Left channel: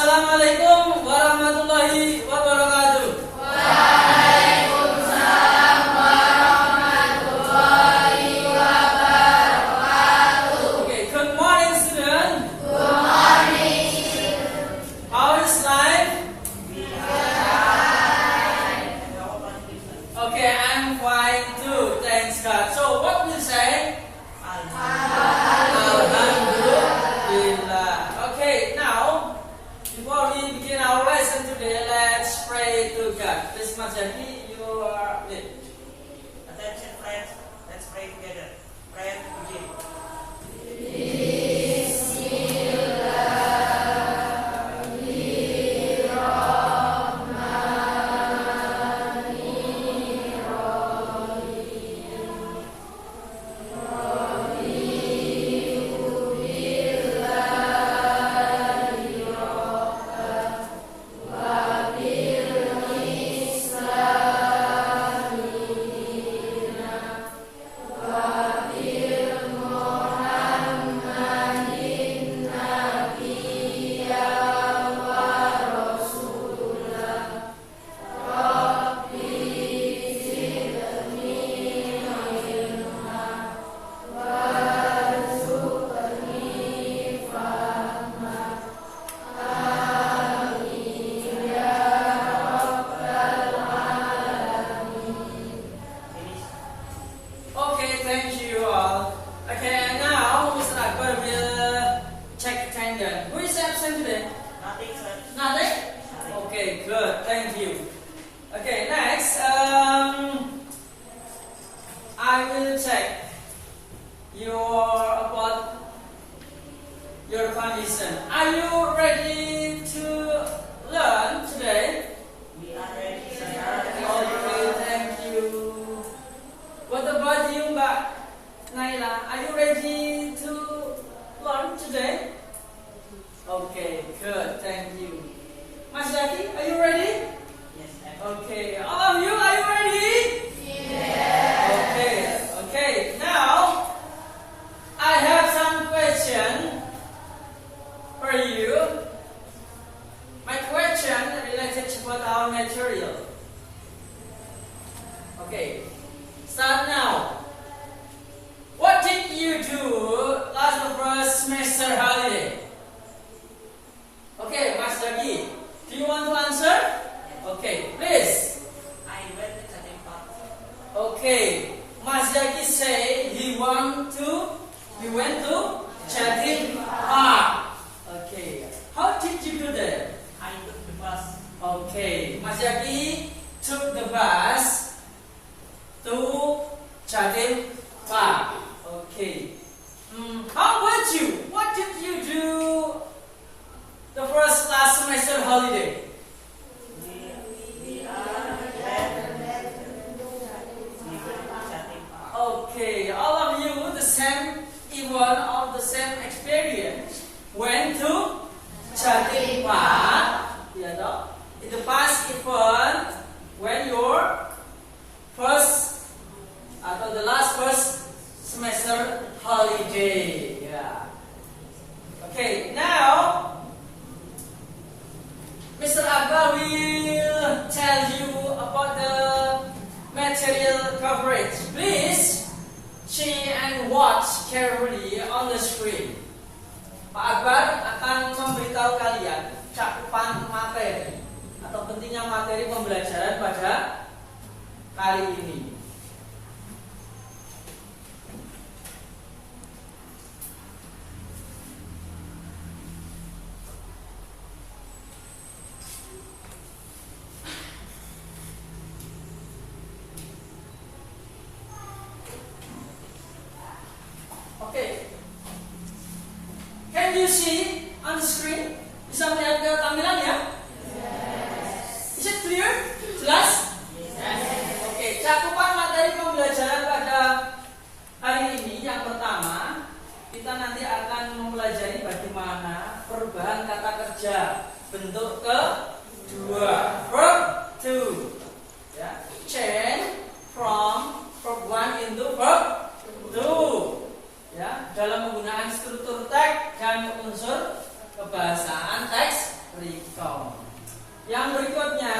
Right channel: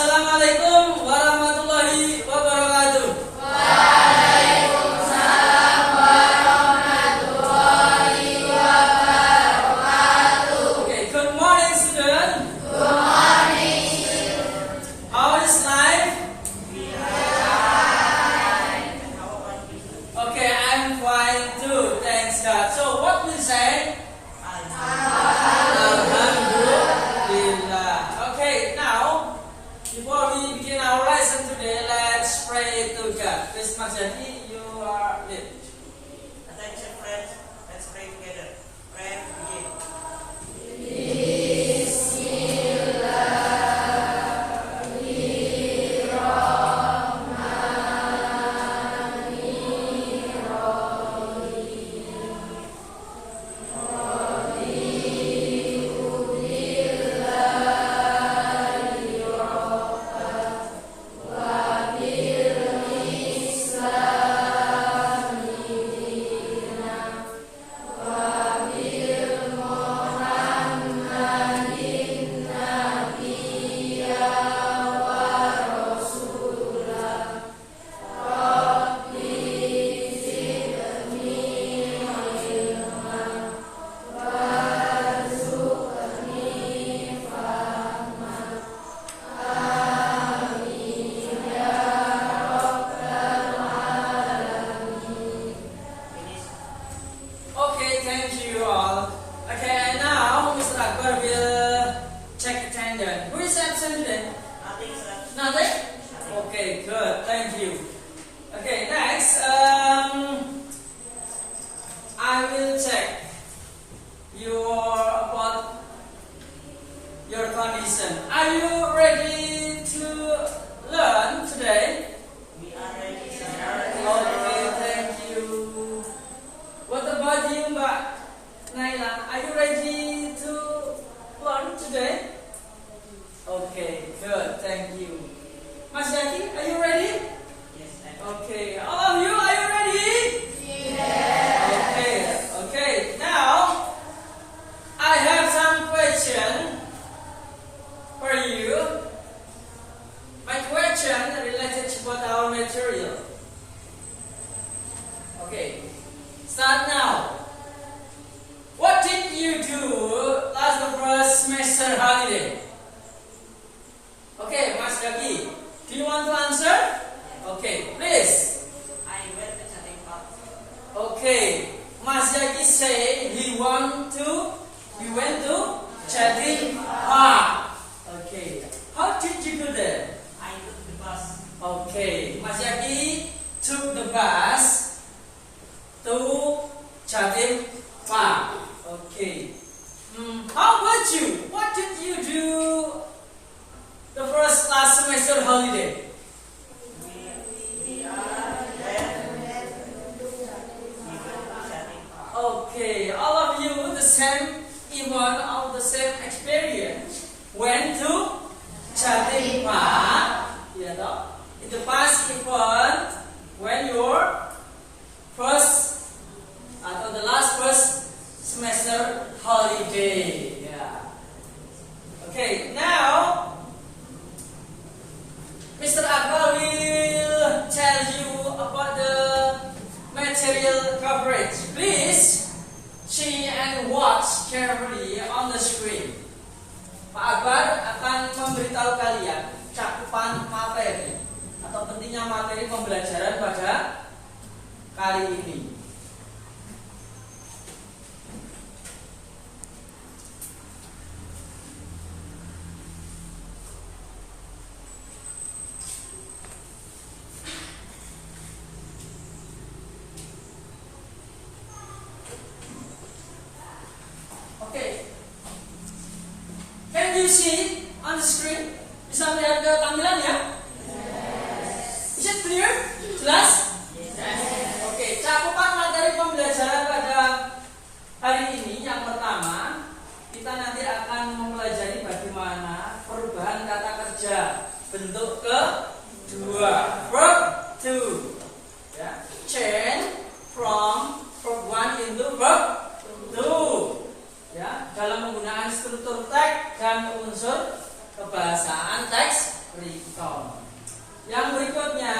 Assalamualaikum warahmatullahi wabarakatuh. Waalaikumsalam warahmatullahi wabarakatuh. Okay, good morning, student. Good morning. How is life? Okay, I'm fine too. Thanks God. So, what we say? Alhamdulillah. Okay, now before we begin our lesson today, let's pray to God. Please, Mas Jadi, you are lead. Attention friends, let's pray together. Prayer begin. Okay, thank you all. Okay, now Mr. Akbar will check attendance. Who is absent today? Nothing, sir. Nothing? Okay, good. Thank you. Okay, next, I will check about your condition. Are you ready to learn today? We are ready, sir. Okay, thank you. What about you, Mbak Naila? Are you ready to learn today? Okay, good. Thank you. Mas Yaki, are you ready? Yes, sir. Okay. All of you, are you ready? Okay. Now, I have some question for you. My question related about our material. Okay. Start now. What did you do last first semester holiday? Okay, Mas Daki, do you want to answer? Okay, please. I went to Chatting Park. Okay, Mas Daki say we went to Chatting Park. Okay, how did you do that? I took the bus. Okay, Mas Yaki took the bus to Chatting Park. Okay. How about you? What did you do the last semester holiday? We went to Chatting Park. Okay, all of you the same event of the same experience went to Chatting Park. Yeah, no? In the past event when your first atau the last first semester holiday. Yeah. Okay, now Mr. Akbar will tell you about the material coverage. Please see and watch carefully on the screen. Pak Akbar akan memberitahu kalian cakupan materi atau pentingnya materi pembelajaran pada kali ini. Oke. Can you see on the screen? Bisa melihat ke tampilan ya? Is it clear? Jelas? Oke, cakupan materi pembelajaran pada hari ini yang pertama, kita nanti akan mempelajari bagaimana perubahan kata kerja bentuk kedua, verb to, ya, change from verb 1 into verb 2, ya, dalam menggunakan struktur teks dan unsur kebahasaan teks recount. Yang berikutnya,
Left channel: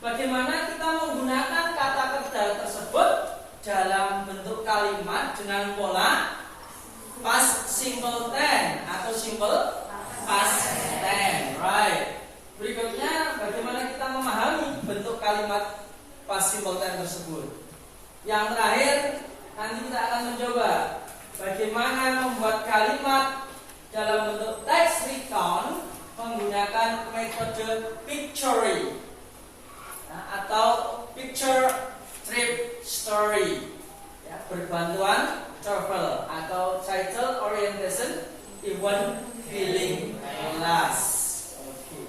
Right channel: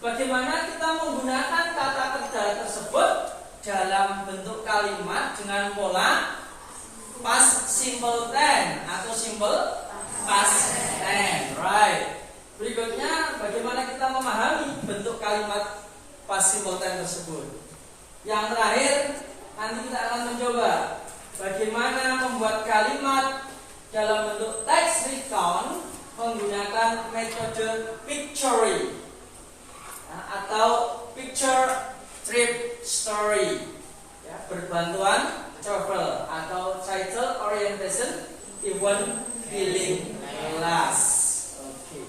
bagaimana kita menggunakan kata kerja tersebut dalam bentuk kalimat dengan pola past simple tense atau simple past tense, right? Berikutnya, bagaimana kita memahami bentuk kalimat past simple tense tersebut. Yang terakhir, nanti kita akan mencoba bagaimana membuat kalimat dalam bentuk text recount menggunakan metode pictory atau picture trip story, ya, berbantuan travel atau title orientation event filling class. Okay.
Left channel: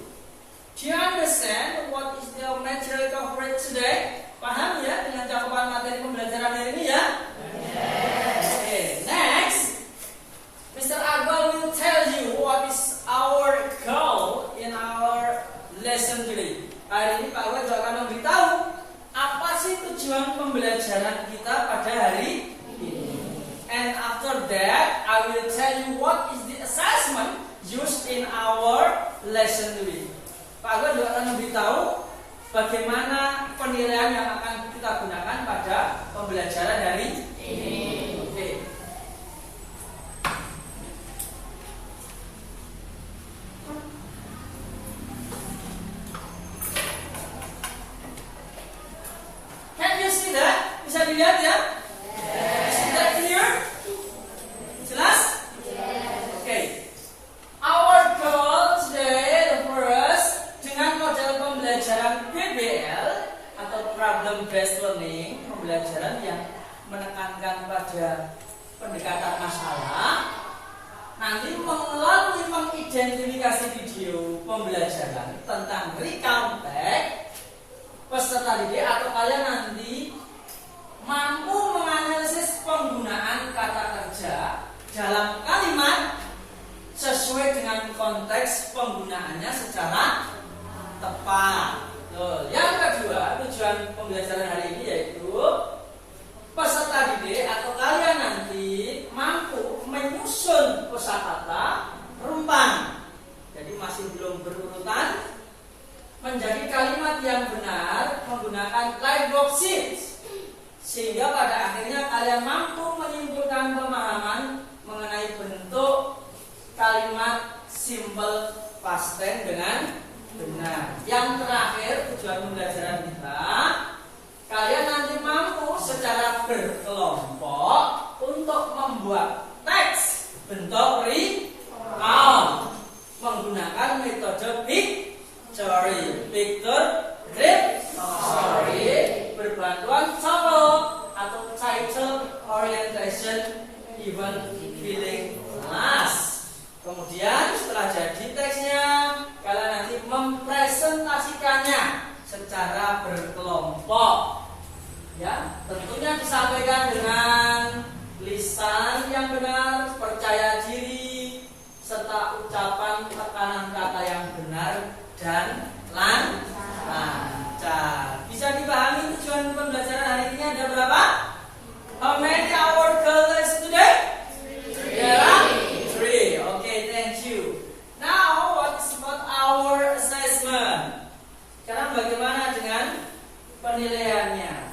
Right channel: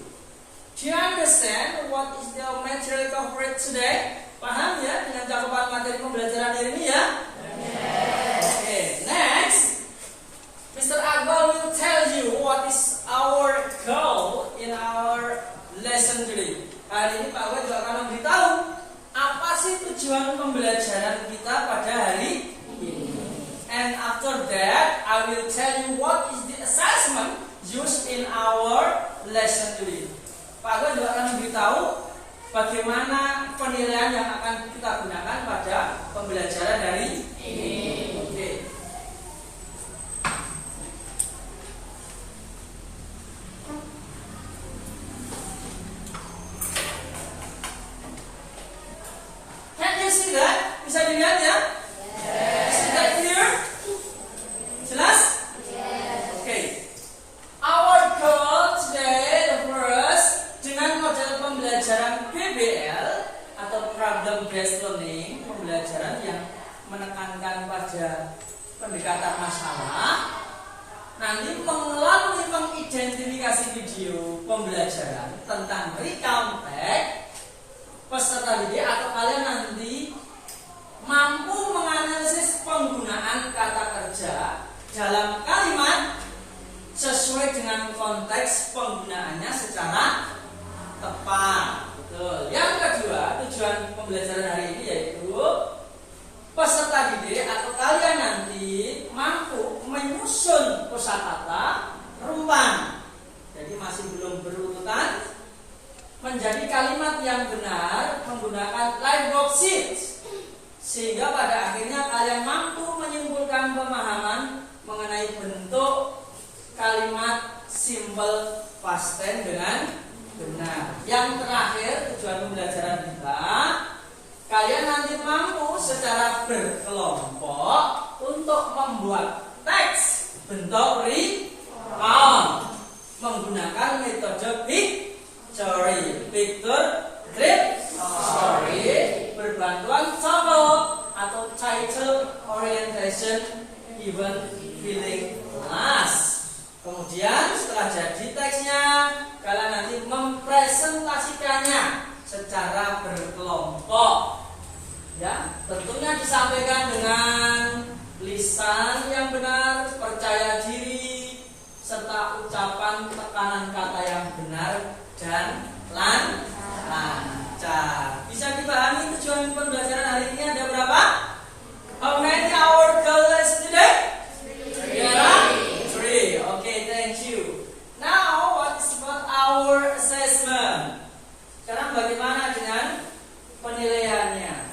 Do you understand what is the material covered today? Paham ya dengan cakupan materi pembelajaran hari ini ya? Yes. Okay. Next, Mr. Akbar will tell you what is our goal in our lesson today. Hari ini Pak Akbar juga akan memberitahu apa sih tujuan pembelajaran kita pada hari ini. And after that, I will tell you what is the assessment used in our lesson today. Pak Akbar juga akan memberitahu bagaimana penilaian yang akan kita gunakan pada pembelajaran hari ini. Okay. Can you see that? Bisa dilihat ya? Yes. Is that clear? Jelas? Yes. Okay. Our goal today, the first, dengan model pembelajaran PBL atau problem based learning, pembelajaran yang menekankan pada pendekatan masalah, nanti melalui mengidentifikasi video pembelajaran tentang recount text, peserta didik atau kalian nanti mampu menganalisis penggunaan kata kerja dalam kalimat sesuai dengan konteks penggunaannya secara tepat. Betul. Yang kedua, tujuan pembelajaran hari ini yaitu peserta didik atau kalian nanti mampu menyusun kosakata rumpang. Jadi masih belum berurutan, menjadi kalimat yang benar menggunakan live worksheet, sehingga pada akhirnya kalian mampu menyimpulkan pemahaman mengenai bentuk kalimat simple past tense dengan benar. Yang terakhir, tujuan pembelajaran kita, kalian nanti mampu secara berkelompok untuk membuat teks bentuk recount menggunakan metode picture trip story berbantuan TOEFL atau title orientation event filling class. Kemudian setelah jadi teksnya, kalian nanti mempresentasikannya secara berkelompok. Ya, tentunya disampaikan dengan lisan yang benar, percaya diri, serta ucapan tekanan kata yang benar dan lancar. Bisa dipahami tujuan pembelajaran hari ini ada berapa? How many our goal lesson today? Three. Okay, thank you. Now, what is about our assessment? Sekarang bagaimana dengan penilaiannya?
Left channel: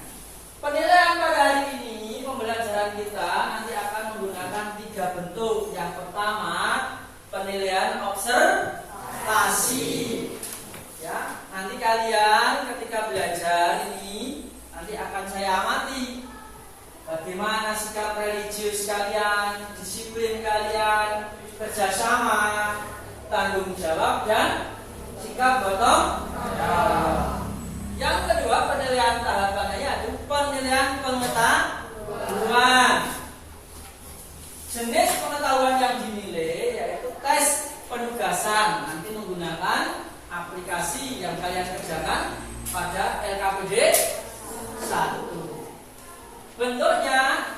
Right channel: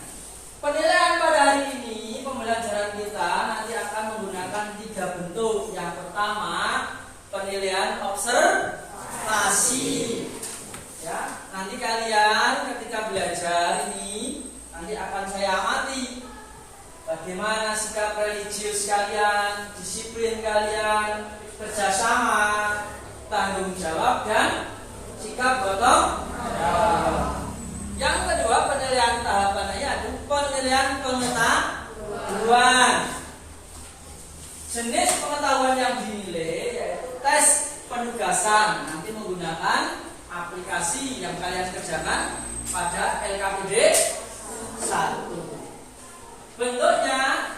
Penilaian pada hari ini pembelajaran kita nanti akan menggunakan 3 bentuk. Yang pertama, penilaian observasi. Ya, nanti kalian ketika belajar ini nanti akan saya amati bagaimana sikap religius kalian, disiplin kalian, kerjasama, tanggung jawab dan sikap gotong royong. Yang kedua, penilaian tahapannya yaitu penilaian pengetahuan. Jenis pengetahuan yang dinilai yaitu tes penugasan, nanti menggunakan aplikasi yang kalian kerjakan pada LKPD 1. Bentuknya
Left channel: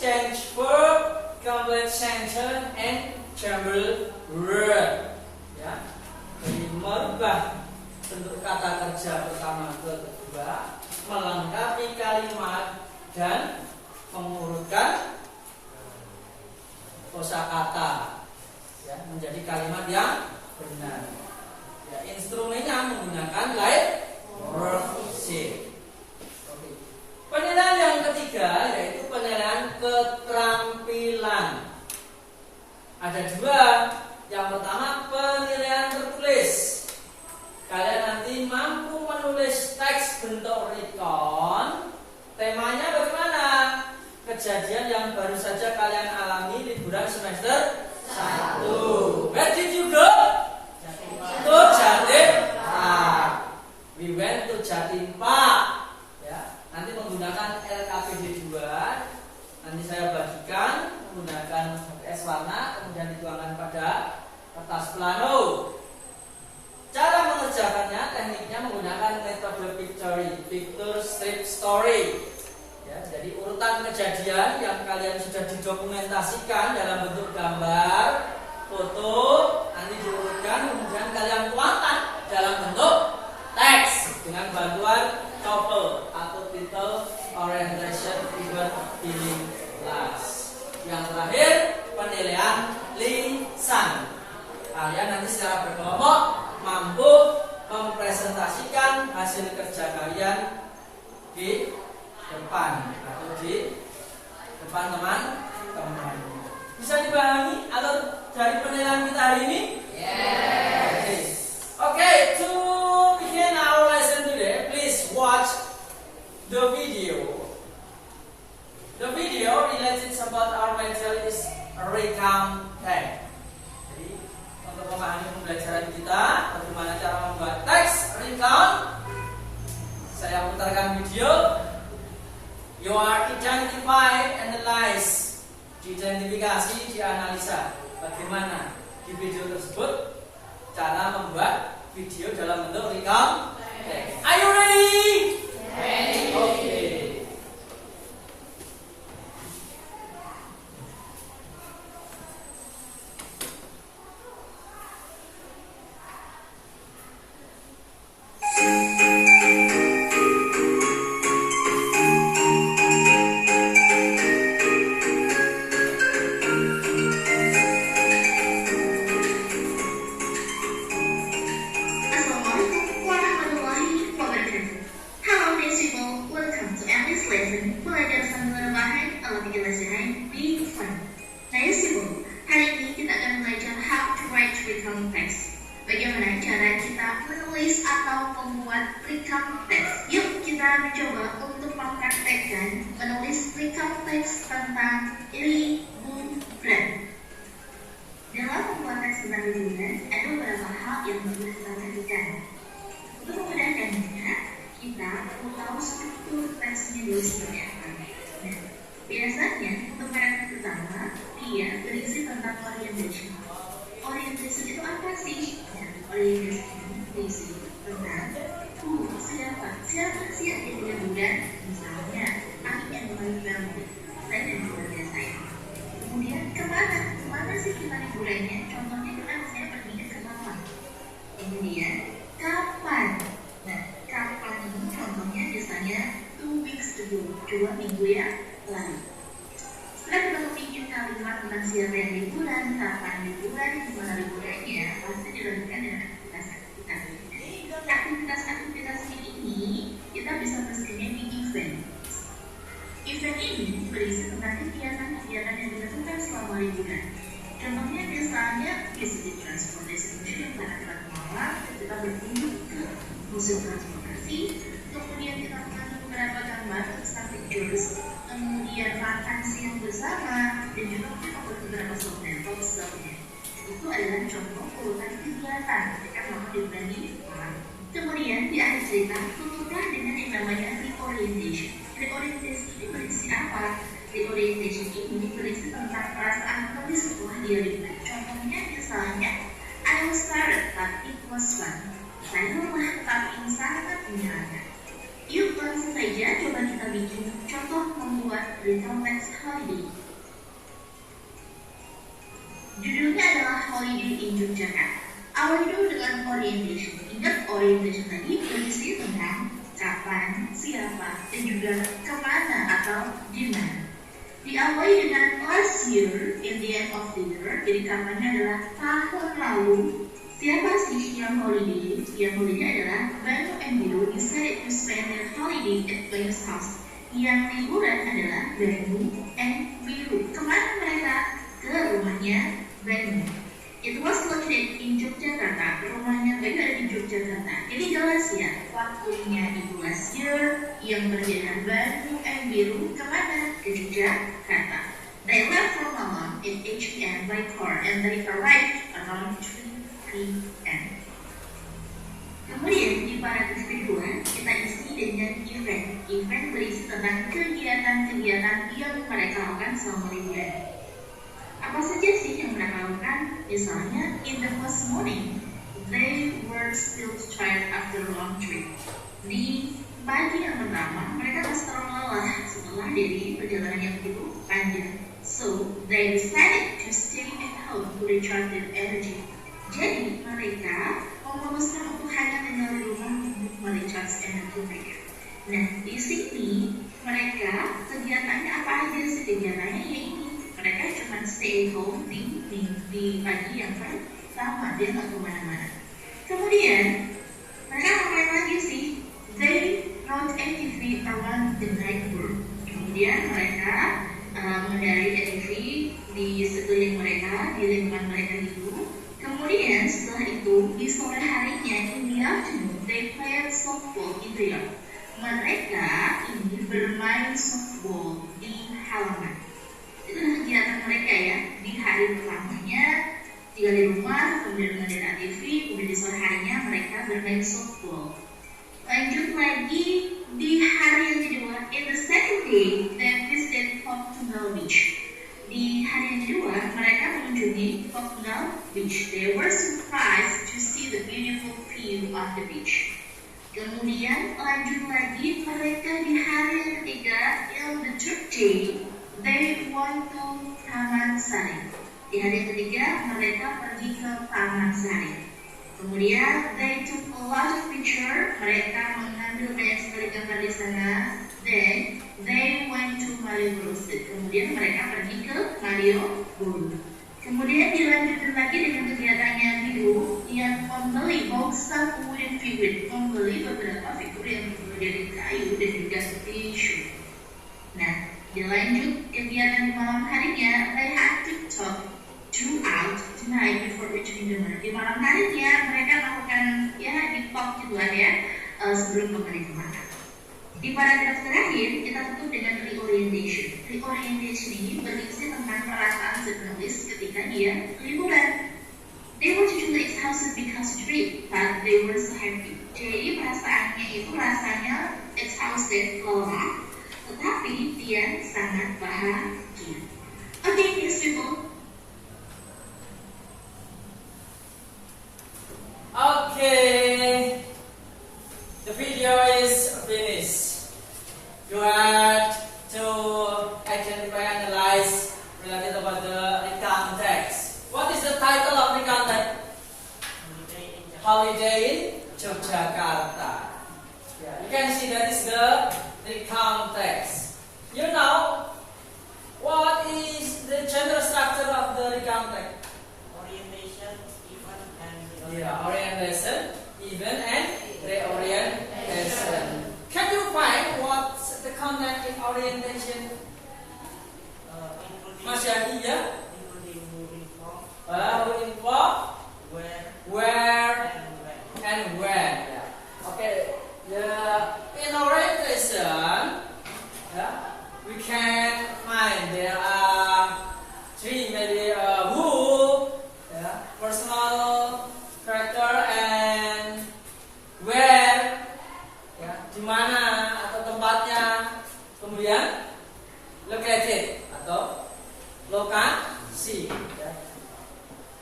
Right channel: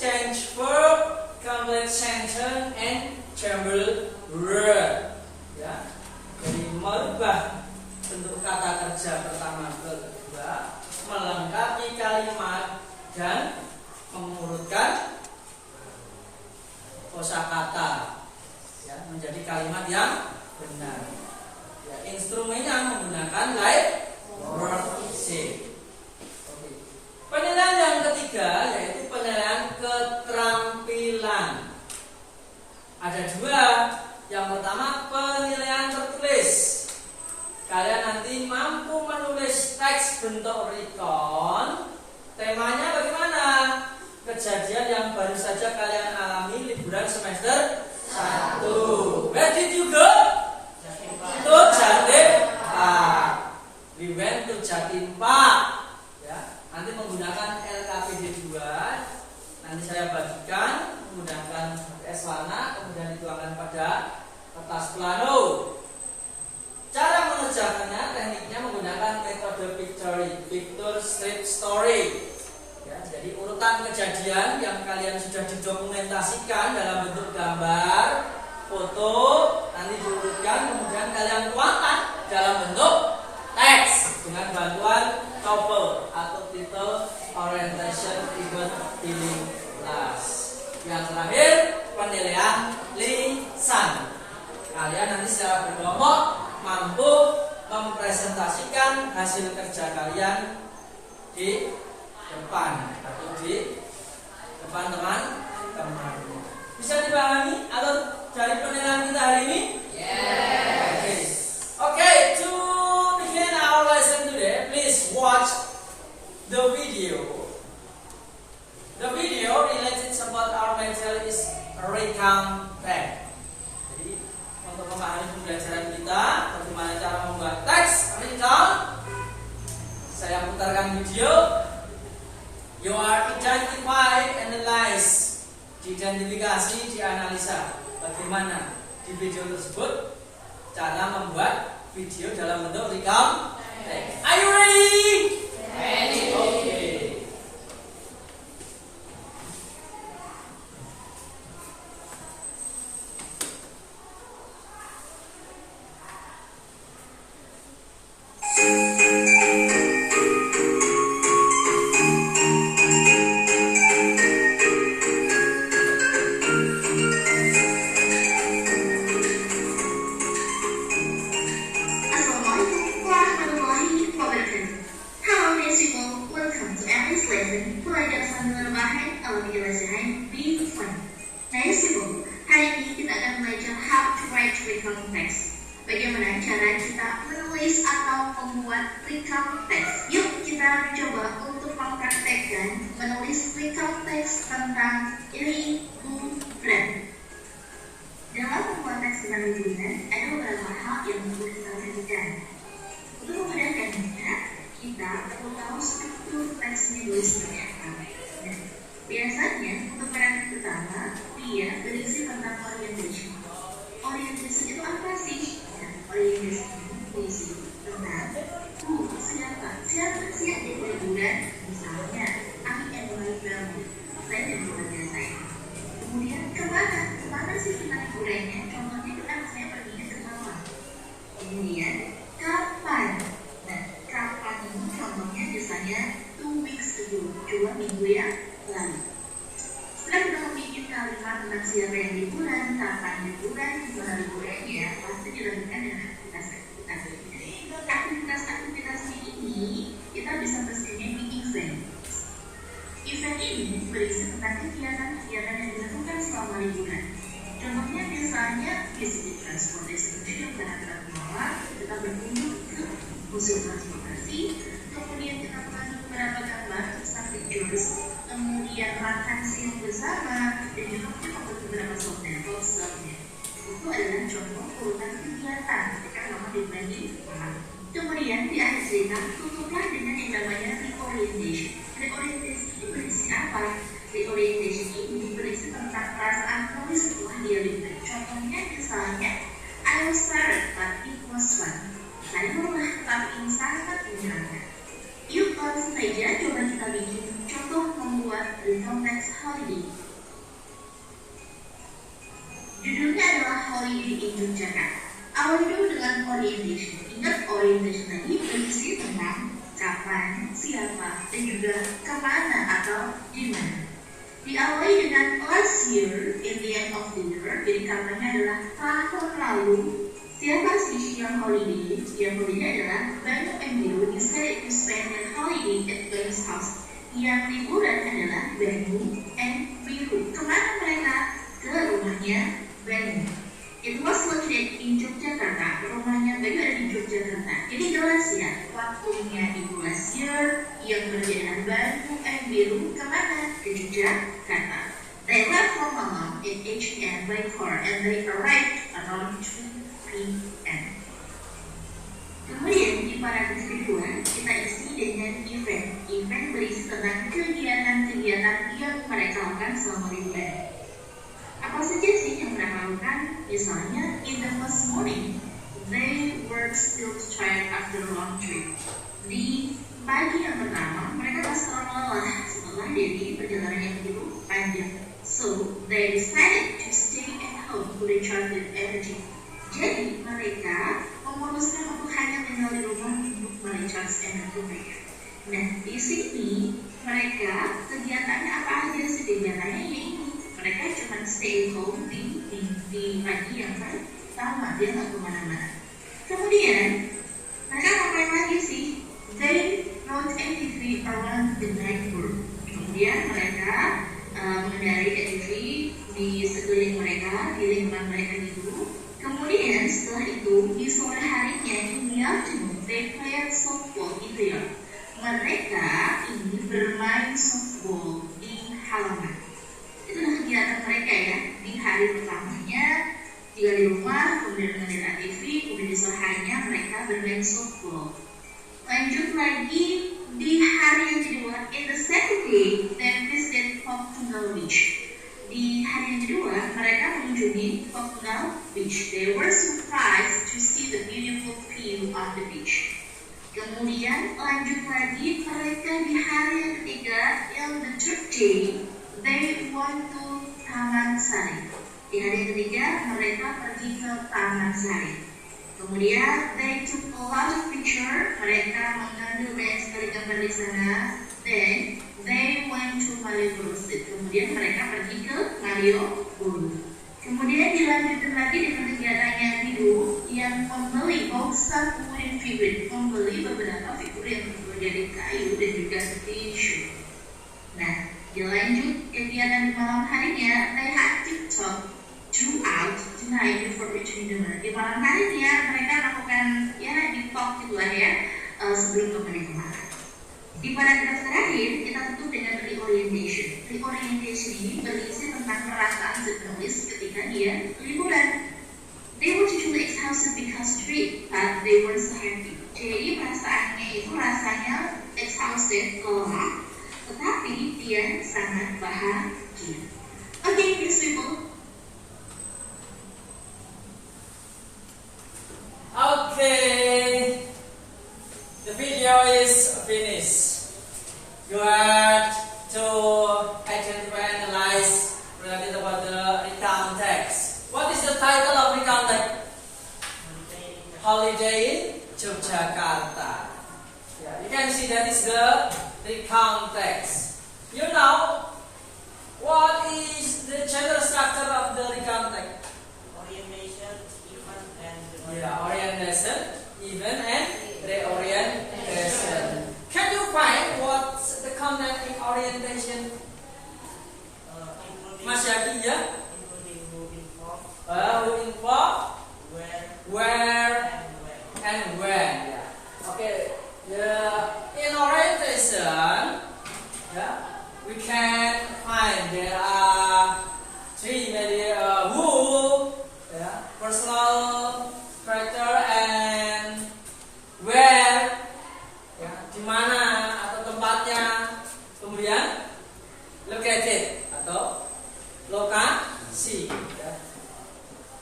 change verb, complete sentence, and jumble word. Ya, jadi merubah bentuk kata kerja pertama ke kedua, melengkapi kalimat dan mengurutkan kosakata, ya, menjadi kalimat yang benar. menggunakan light shape. Oke. Penilaian yang ketiga yaitu penilaian keterampilan. Ada dua. Yang pertama penilaian tertulis. Kalian nanti mampu menulis teks bentuk recount. Temanya bagaimana? Kejadian yang baru saja kalian alami liburan semester 1. Where did you go? To Jatim Park. We went to Jatim Park. Ya, nanti menggunakan LKPD 2. Nanti saya bagikan menggunakan es warna, kemudian dituangkan pada kertas plano. Cara mengerjakannya, tekniknya menggunakan metode picture strip story. Ya, jadi urutan kejadian yang kalian sudah didokumentasikan dalam bentuk gambar, foto, nanti diurutkan, kemudian kalian tuangkan dalam bentuk teks dengan bantuan TOEFL atau Title Orientation Event Filling Class. Yang terakhir, penilaian lisan. Kalian nanti secara berkelompok mampu mempresentasikan hasil kerja kalian di depan atau di depan teman-teman. Bisa dipahami alur dari penilaian kita hari ini? Yes. Okay, to begin our lesson today, please watch the video. The video related about our material is recount text. Jadi untuk memahami pembelajaran kita, bagaimana cara membuat teks recount, saya putarkan video. You are identify, analyze, diidentifikasi, dianalisa. Bagaimana di video tersebut cara membuat video dalam bentuk recount text. Are you ready? Ready. Okay. Bagaimana cara kita menulis atau membuat recount text? Yuk kita coba untuk mempraktekkan menulis recount text tentang liburan. Dalam membuat teks tentang liburan, ada beberapa hal yang perlu kita perhatikan. Untuk memudahkannya, kita perlu tahu struktur teks menulis seperti apa. Nah, biasanya untuk paragraf pertama, dia berisi tentang orientation. Orientation itu apa sih? Orientation berisi tentang siapa sih yang jadi liburan, misalnya aku yang berliburan, saya dan keluarga saya. Kemudian kemana sih kita liburannya? Contohnya kita saya pergi ke Kepulauan. Kemudian kapan? Nah, kapan ini contohnya misalnya 2 weeks ago, 2 minggu yang lalu. Setelah kita memiliki kalimat tentang siapa yang liburan, kapan liburan, gimana liburannya, pasti dilakukan dengan aktivitas-aktivitas. Aktivitas-aktivitas ini kita bisa bersihkan di event. Event ini berisi tentang kegiatan-kegiatan yang dilakukan selama liburan. Contohnya misalnya visit transportation museum karena kita kemauan, kita berkunjung ke museum transportasi, kemudian kita mengambil beberapa gambar tentang pictures, kemudian makan siang bersama, dan juga mungkin membuat beberapa software. Itu adalah contoh urutan kegiatan ketika mau dibagi. Kemudian di akhir cerita tutuplah dengan yang namanya reorientation. Reorientation ini berisi apa? Reorientation ini berisi tentang perasaan kami setelah dia liburan. Contohnya misalnya, I was tired but it was fun. Saya lelah tapi sangat menyenangkan. Yuk langsung saja coba kita bikin contoh membuat recount text holiday. Judulnya adalah Holiday in Yogyakarta. Awal dulu dengan orientation. Ingat orientation tadi berisi tentang kapan, siapa, dan juga kemana atau dimana. Diawali dengan last year in the end of the year. Jadi katanya adalah tahun lalu. Siapa sih yang holiday? Yang holiday adalah Banu and Biru decided to spend their holiday at Banu's house. Yang liburan adalah Banu and Biru. Kemana mereka? Ke rumahnya Banu. It was located in Yogyakarta. Rumahnya Banu ada di Yogyakarta. Jadi jelas ya, waktunya itu last year. Yang berjalan Banu and Biru kemana? Ke Yogyakarta. They left from Malang at 8 p.m. by car and they arrived around 3 p.m. Kemudian di paragraf kedua kita isi dengan event. Event berisi tentang kegiatan-kegiatan yang mereka lakukan selama liburan. Apa saja sih yang mereka lakukan? Misalnya, in the first morning, they were still tired after a long trip. Di pagi yang pertama, mereka masih terlalu lelah setelah dari perjalanan yang begitu panjang. So, they decided to stay at home to recharge their energy. Jadi, mereka memutuskan untuk hanya tinggal di rumah untuk merecharge energi mereka. Nah, di sini mereka kegiatannya apa aja sih? Kegiatannya ini mereka cuma stay at home di pagi yang pertama, dia nggak kemana-mana. Kemudian mereka ngapain lagi sih? They rode ATV around the neighborhood. Kemudian mereka mengendarai ATV di sekeliling mereka, di lingkungan mereka itu. Kemudian setelah itu di sore harinya in the afternoon they played softball in the yard. Mereka ini bermain softball di halaman. Itu kegiatan mereka ya di hari pertamanya tinggal di rumah, kemudian mengendarai ATV, kemudian di sore harinya mereka bermain softball. Lanjut lagi di hari yang kedua, in the second day, they visited Poptungal Beach. Di hari yang kedua, mereka mengunjungi Poptungal Beach. They were surprised to see the beautiful view of the beach. Kemudian lanjut lagi, mereka di hari yang ketiga, in the third day, they went to Taman Sari. Di hari yang ketiga, mereka pergi ke Taman Sari. Kemudian they took a lot of picture. Mereka mengambil banyak sekali gambar di sana. Then they went to Malioboro. Kemudian mereka pergi ke Malioboro. Kemudian dilanjutkan lagi dengan kegiatan yang biru yang membeli boxer wooden figure, membeli beberapa figur yang terbuat dari kayu dan juga tisu. Nah, dilanjut kegiatan di malam harinya, they had to talk throughout the night before reaching dinner. Di malam harinya mereka melakukan ya di talk gitulah ya sebelum kembali ke makan. Di paragraf terakhir kita tutup dengan reorientation. Reorientation ini berisi tentang perasaan si penulis ketika dia liburan. They were totally exhausted because trip, but they were so happy. Jadi perasaannya itu rasanya exhausted, lelah, tetapi dia sangat bahagia. Okay, next people. Okay, the video is finished. You have to identify and analyze related about the recount text. What is the title of recount text? Holiday in Yogyakarta. Yeah, you can see that is the recount text. You know what is the general structure of the recount text? Orientation, event, and Yeah, orientation, event, and reorientation. Can you find what's the content in orientation? including Mas Yaki, ya? including who inform, Who inform, where, where, and when. and when. Yeah. Okay. In orientation, yeah, we can find there are three maybe who, yeah, personal character, and where, ya, di mana atau tempatnya, kemudian located atau lokasi, ya.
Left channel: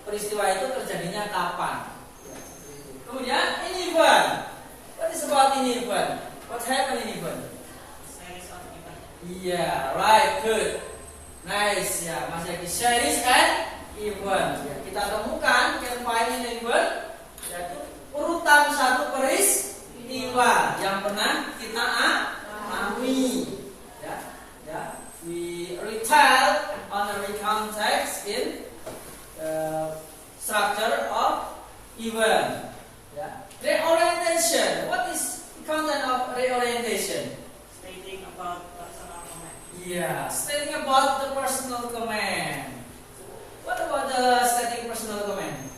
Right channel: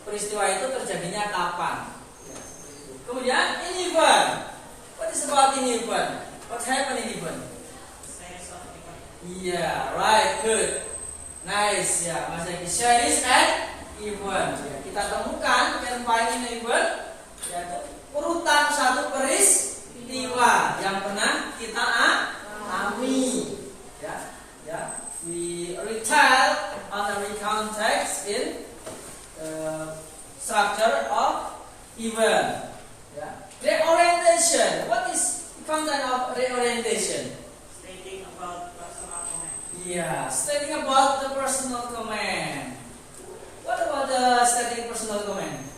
Peristiwa itu terjadinya kapan, ya, kemudian in event. What is about in event? What happened in event? Series of events. Yeah, right, good, nice, ya, Mas Eki. Series and event. Ya, kita temukan can find in event, yaitu urutan satu peristiwa yang pernah kita alami. Ya, ya. We retell on the recount text in structure of event. Yeah. Reorientation. What is the content of reorientation? Stating about personal comment. Yeah, stating about the personal comment. What about the stating personal comment?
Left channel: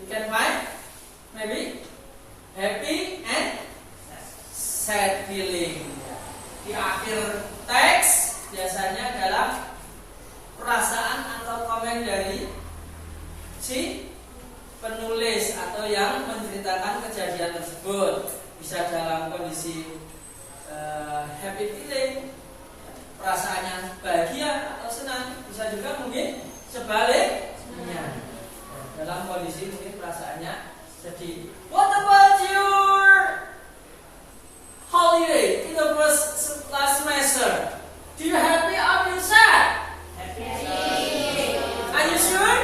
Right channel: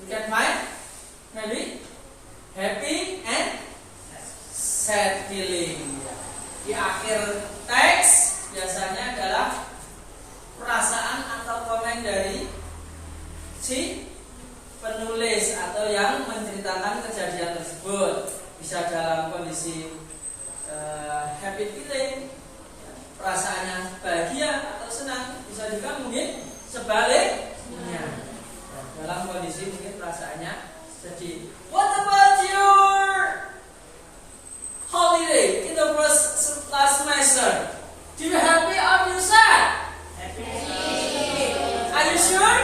You can find maybe happy and sad feeling. Di akhir teks biasanya adalah perasaan atau komen dari si penulis atau yang menceritakan kejadian tersebut. Bisa dalam kondisi happy feeling, perasaannya bahagia atau senang. Bisa juga mungkin sebaliknya, dalam kondisi mungkin perasaannya sedih. What about your holiday in the last semester? Do you happy or you sad? Happy. Are you sure?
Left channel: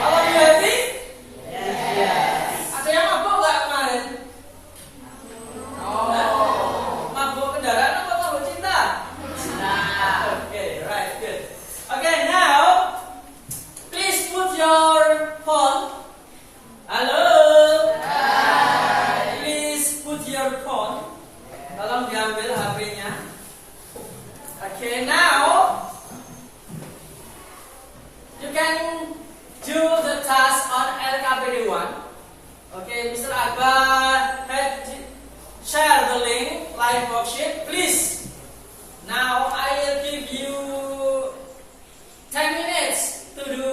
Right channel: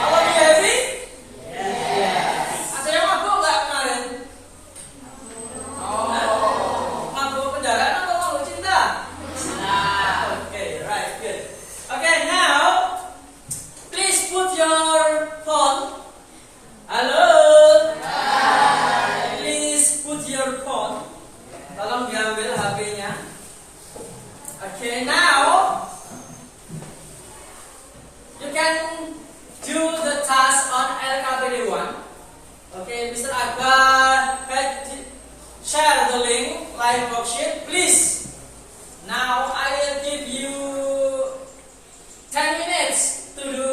All of you happy? Yes. Ada yang mabuk nggak kemarin? Mabuk kendaraan atau mabuk cinta? Okay, right, good. Okay, now please put your phone. Halo. Please put your phone. Tolong diambil HP-nya. Okay, now you can do the task on LKPD 1. Okay, Mr. Akbar had share the link live worksheet. Please. Now I will give you 10 minutes to do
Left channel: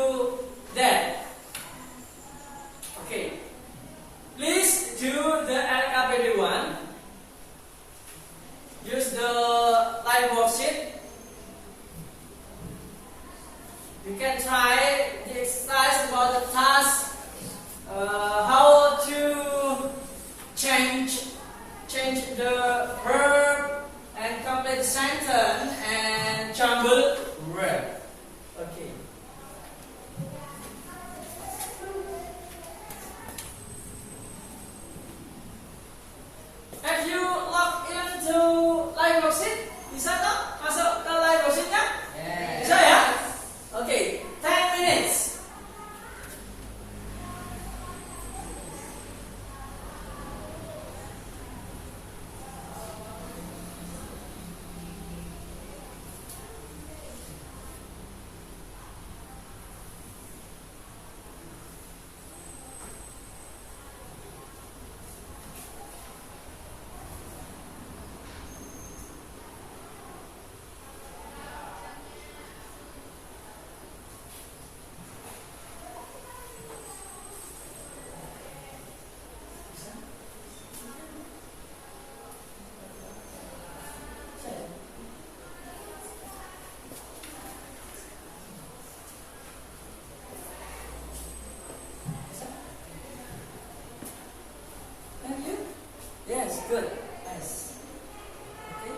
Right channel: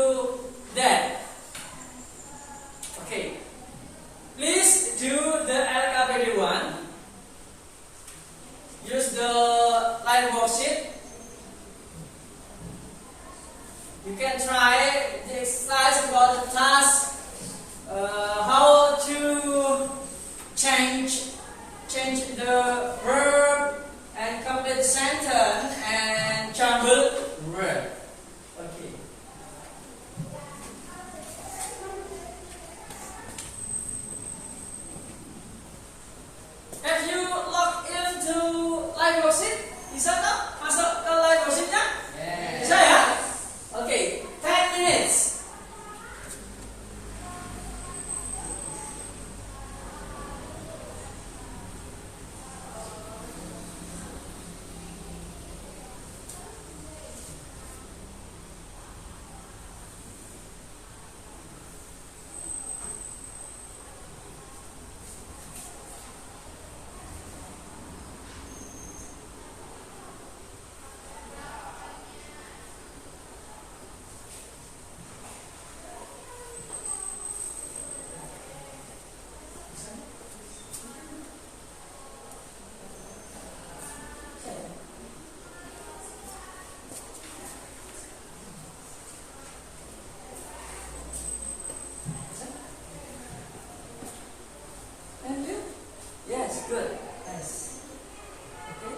that. Okay. Please do the LKPD 1. Use the live worksheet. You can try the exercise about the task, how to change the verb and complete sentence and jumble word. Okay. Have you logged into live worksheet? Bisa tak masuk ke live worksheetnya? Bisa ya? Okay, 10 minutes. And you? Yes, good. Yes. Okay.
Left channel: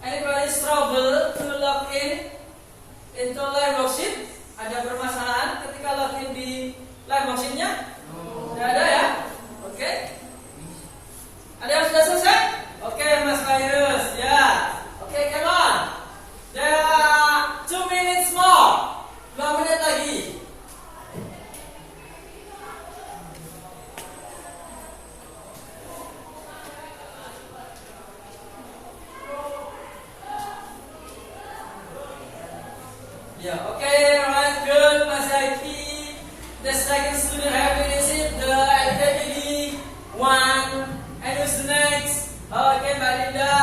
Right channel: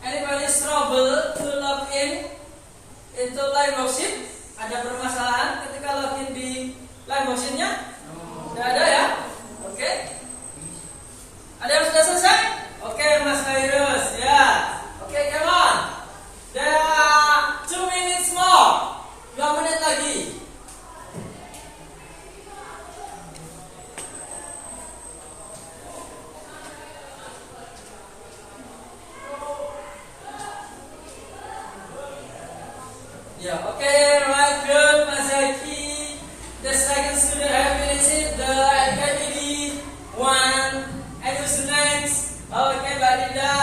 Anybody struggle to log in into live worksheet? Ada permasalahan ketika login di live worksheetnya? Tidak ada ya? Oke. Ada yang sudah selesai? Oke, Mas Virus. Ya. Oke, come on. There are 2 minutes more. 2 menit lagi. Ya, oke, right, good, Mas Zaki. The second student have finished the LKPD 1. And who's next? Oke, Mbak Dinda.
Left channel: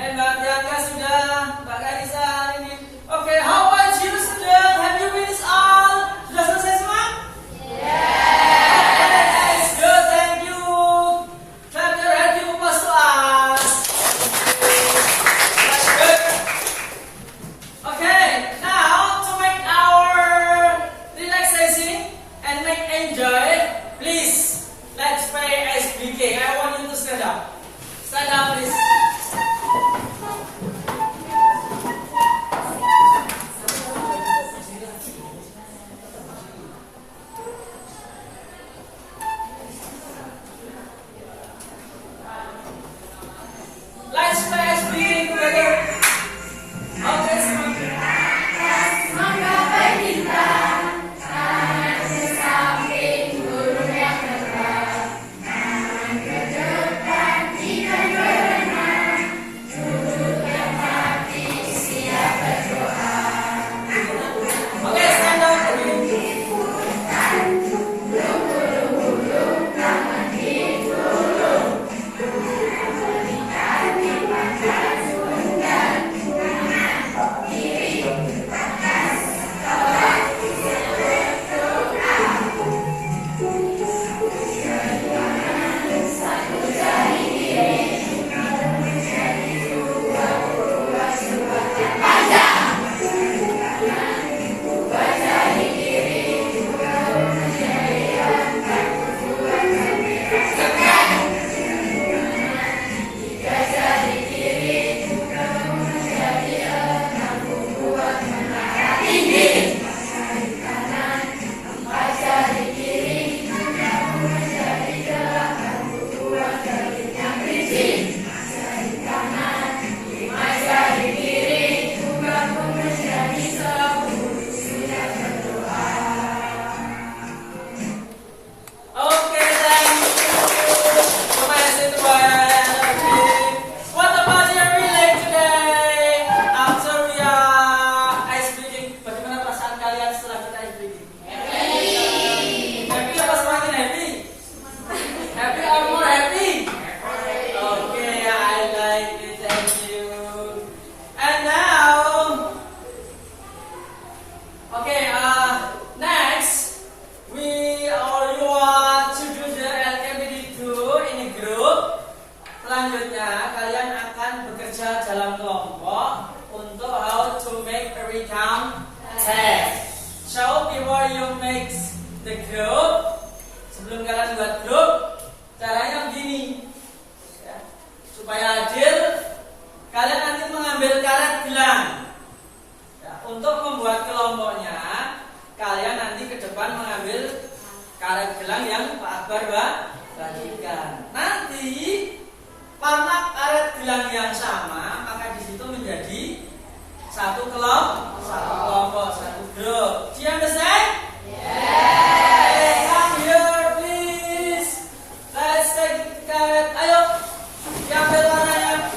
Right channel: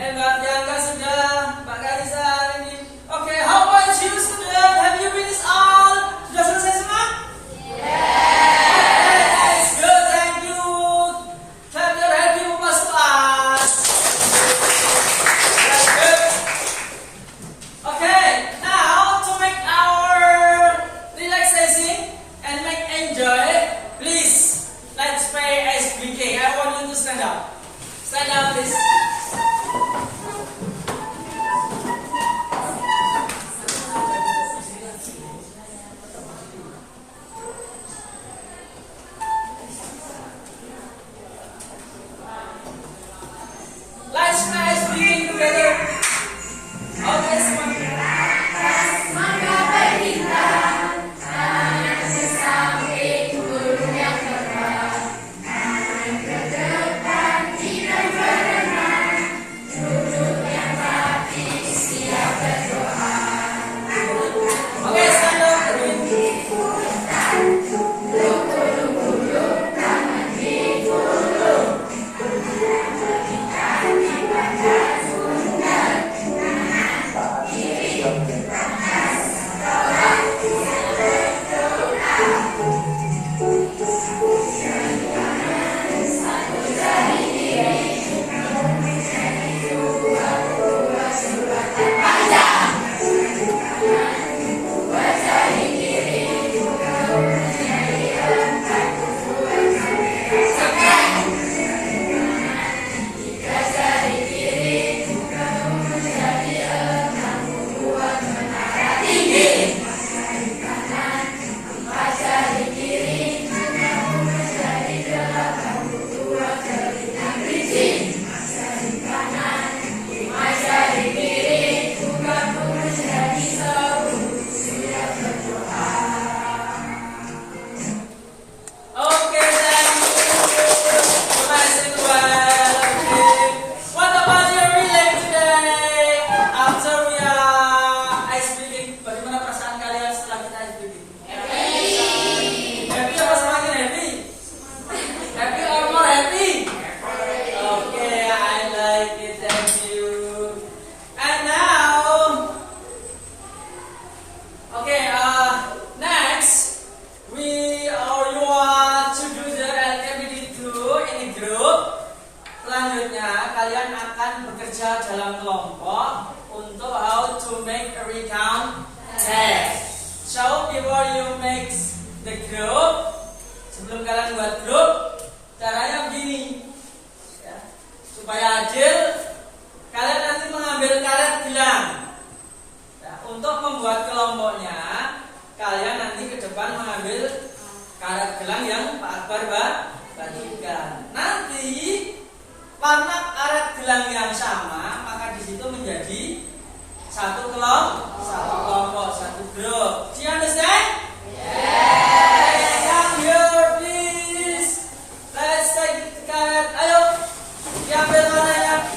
And Mbak Tiaka sudah. Mbak Karisa ini. Oke, how about you, student? Have you finished all? Sudah selesai semua? Okay, that's good, thank you. Clap your hands, give applause to us. That's good. Okay, now to make our relaxation and make enjoy, please let's play SBK. I want you to stand up. Stand up, please. kerja dalam kelompok untuk how to make a recount test. So before you make the group, sebelum kalian buat grup, caranya begini, ya. Supaya adil, kalian nanti mengambil karet gelang. Ya, untuk membuat kelompoknya, kalian nanti ke depan mengambil karet gelang yang Pak Akbar bagikan. Nanti karena karet gelang yang sama, maka di situ menjadi satu kelompok, satu grup. Do you understand? Yes. Come here, please. Let's take the karet. Ayo, diambil warnanya.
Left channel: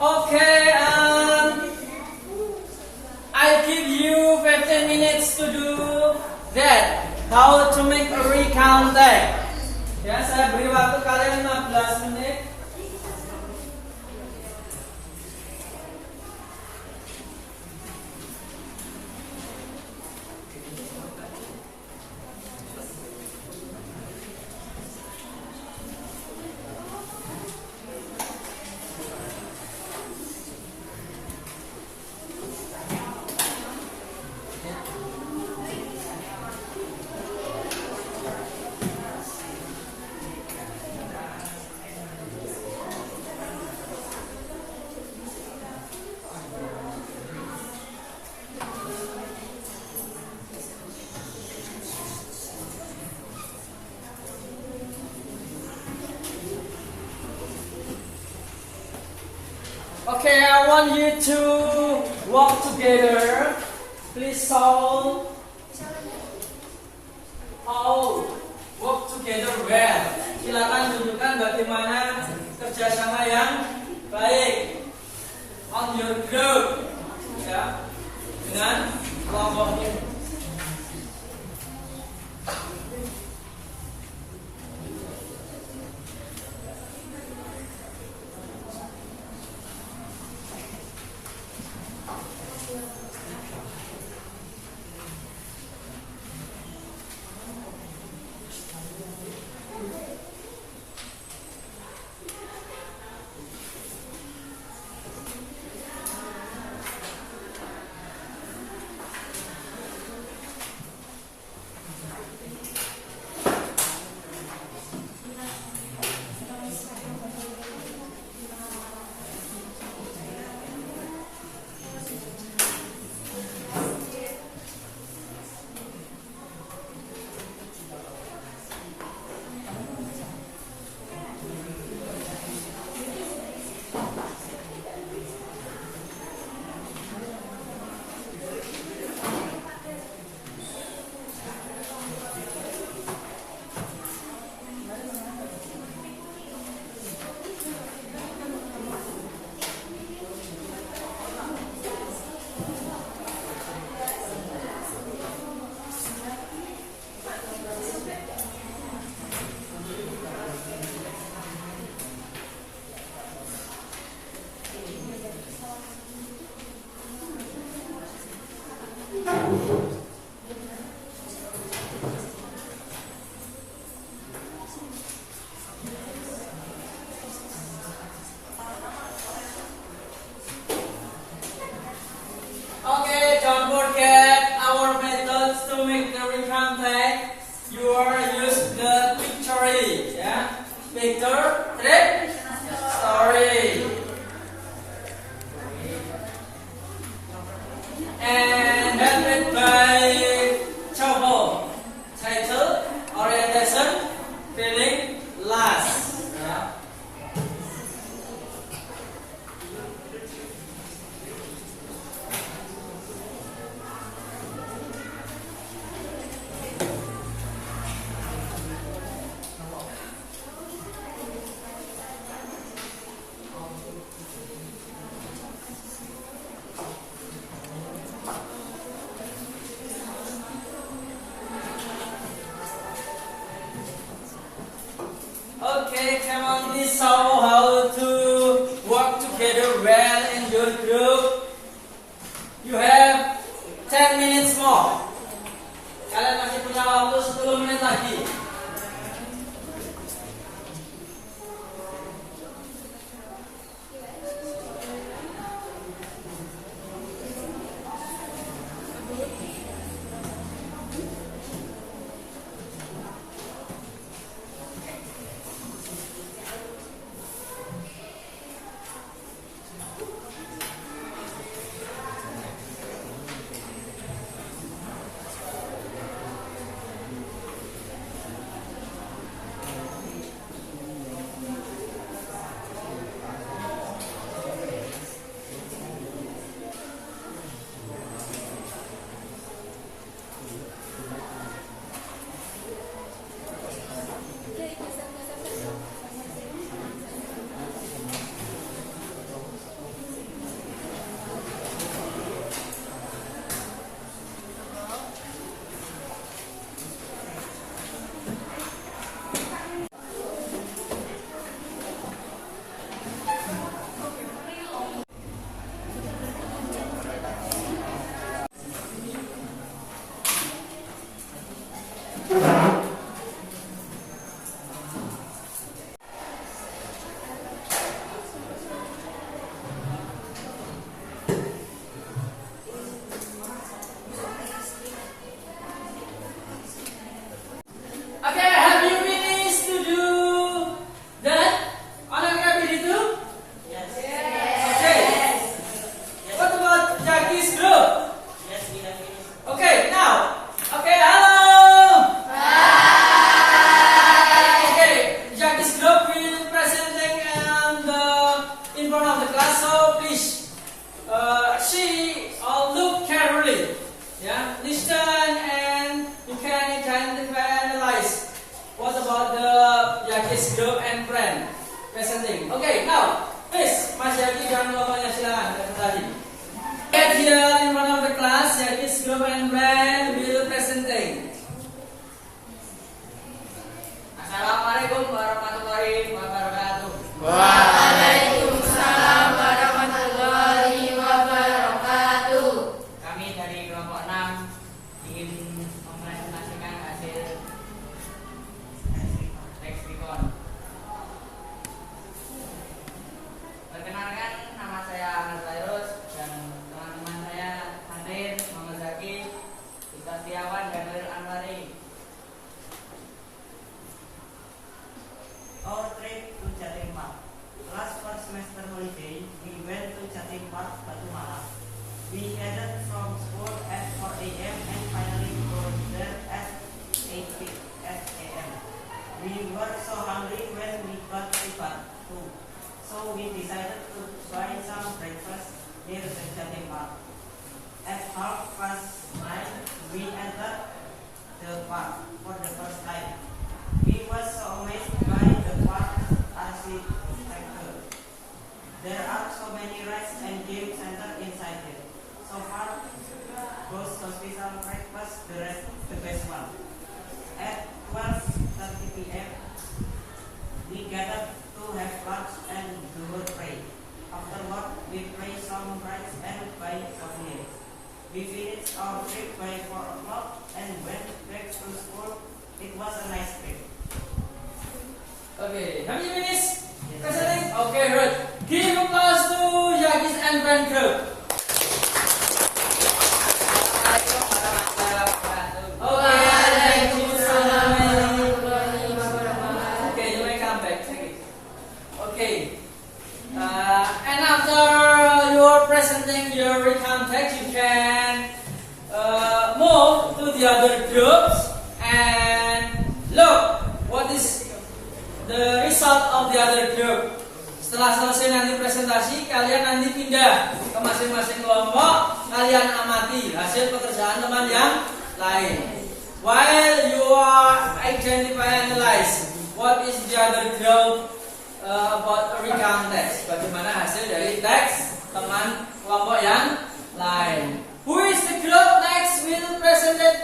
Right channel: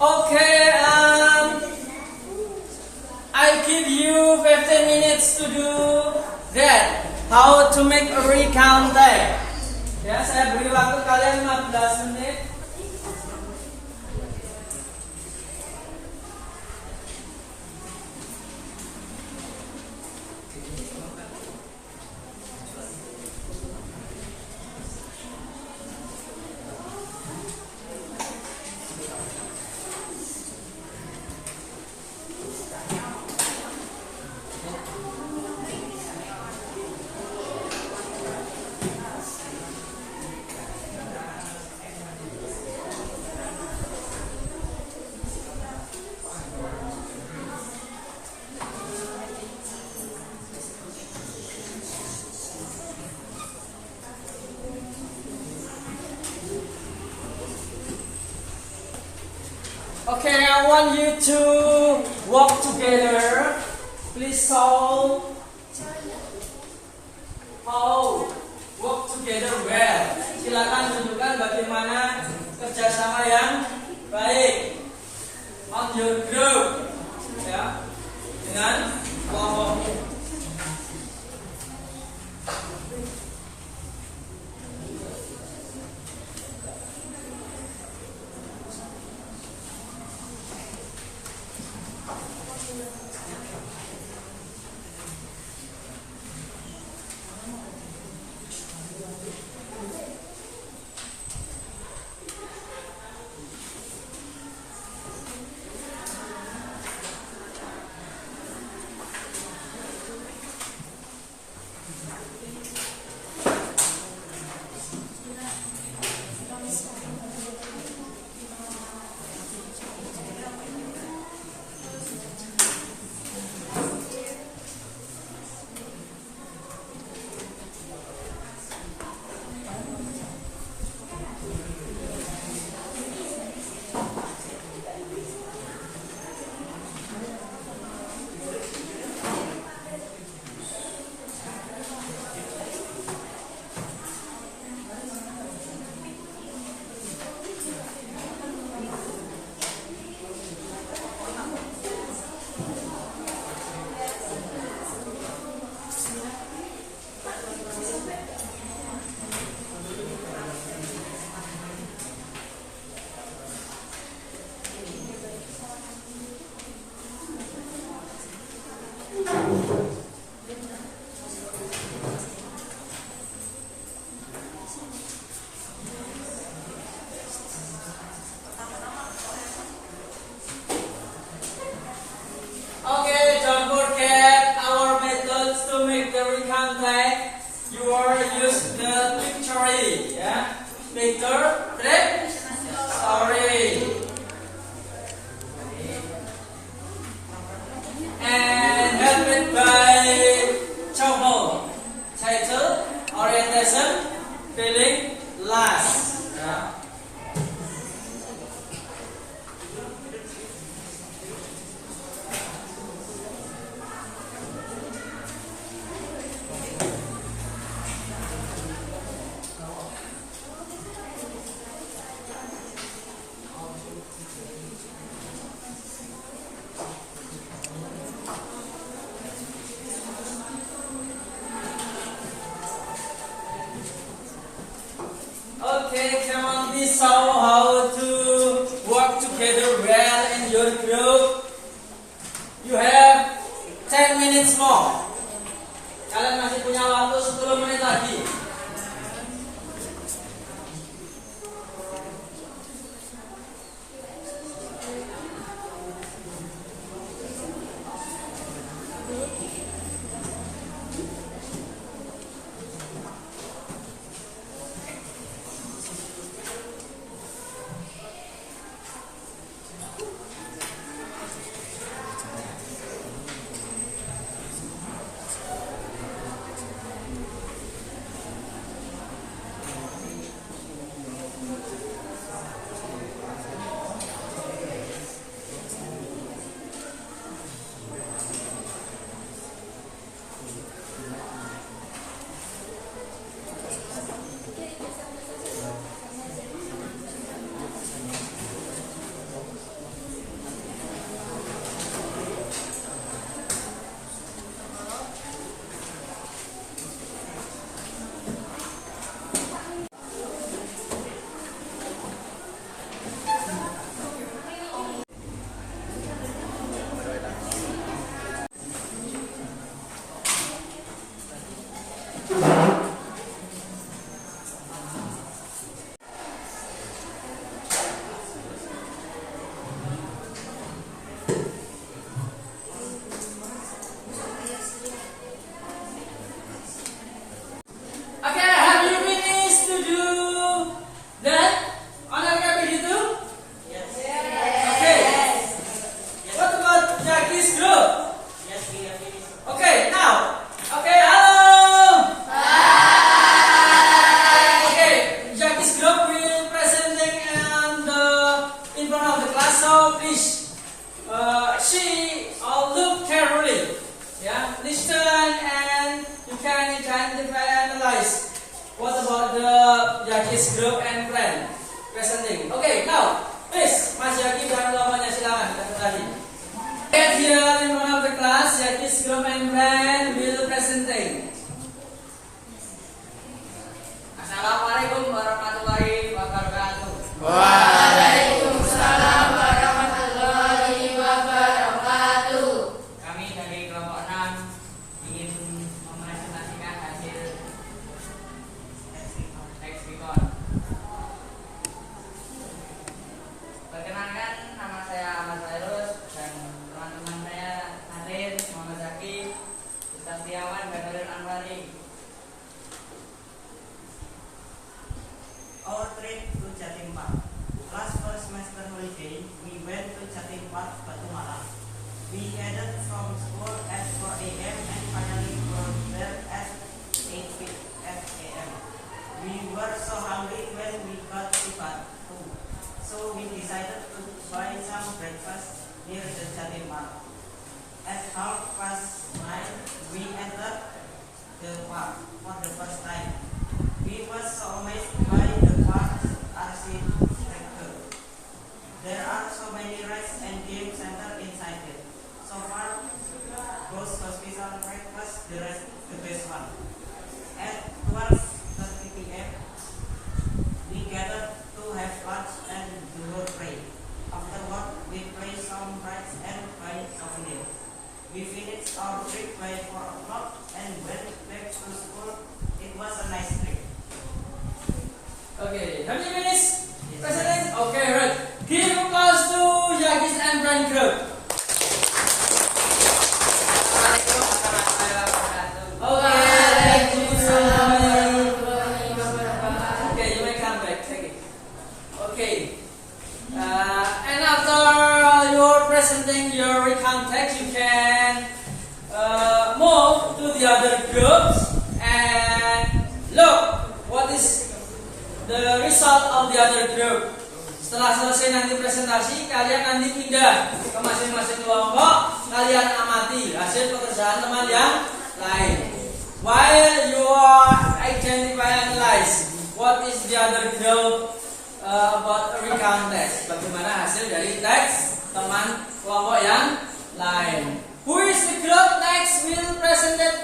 Okay, I give you 15 minutes to do that. How to make a recount tag. Ya, saya beri waktu kalian 15 menit. Okay, I want you to walk together. Please solve. How work together well. Silakan tunjukkan bagaimana kerjasama yang baik on your group, ya, dengan kelompokmu. Peter Trip Story. And helped by Chow title Orientation Feeling Last. Yeah. Okay, come on, this show how to work together well in your group. You have 10 minutes more. Kalian masih punya waktu 10 menit lagi. Okay, have you finished to do that on your copy itu? Yes. Okay. What about Jackie's group? Yes, we have finished. Okay, now. Okay, hello. Okay, Jackie's group will presenting and in front of the class. So please, she look carefully. Yeah, listen and you can identify and analyze. What about the Jackie's group and friend presenting? Okay, now please, Mas Jackie dan lawannya silakan presentasi. Get here in front of the class, Jackie's group and friend will presenting. Assalamualaikum warahmatullahi wabarakatuh. Waalaikumsalam warahmatullahi wabarakatuh. Kami dari kelompok 6 ingin mempresentasikan hasil lexicon. Perkenalkan, nama saya Ahmad Fairuz dan teman-teman saya hadir Muhammad Zaki, Ustaz Tiawan dan Nuril Anwari. Our trip to Jatim Park. Last first semester holiday, we went to Jatim Park, Batu Malang. We headed from school at 4 a.m. and finally got there at 8 a.m. We were so hungry when we got to Batu, so we decided to buy some breakfast near the Jatim Park. At 9:30, we entered the park for the first time. We were so amazed by the park's architecture. There are so many rides and game centers inside it. So far, goes to special breakfast, the best one. At 12:30 p.m., we gathered to have lunch and do a pray. Afterward, we play some rides and buy souvenir. We finished our trip by 4 o'clock and went back to school. It was a nice trip. Okay, have you finished presenting? Okay, right. Give applause to Jackie's and friend group. Assalamualaikum warahmatullahi wabarakatuh. Okay, thank you so much. Okay, you may come back. Thank you. presenting your recount text, you can move to the other groups and look what is the result of the other group. Setelah selesai nanti presentasi, kalian nanti pindah ke masing-masing kelompok, kalian amati hasil pekerjaan teman yang lain. While you are identify and analyze what is the other group about recount text, bagaimana hasil dari teks teman kelompok yang lain. Who is the group next will present it?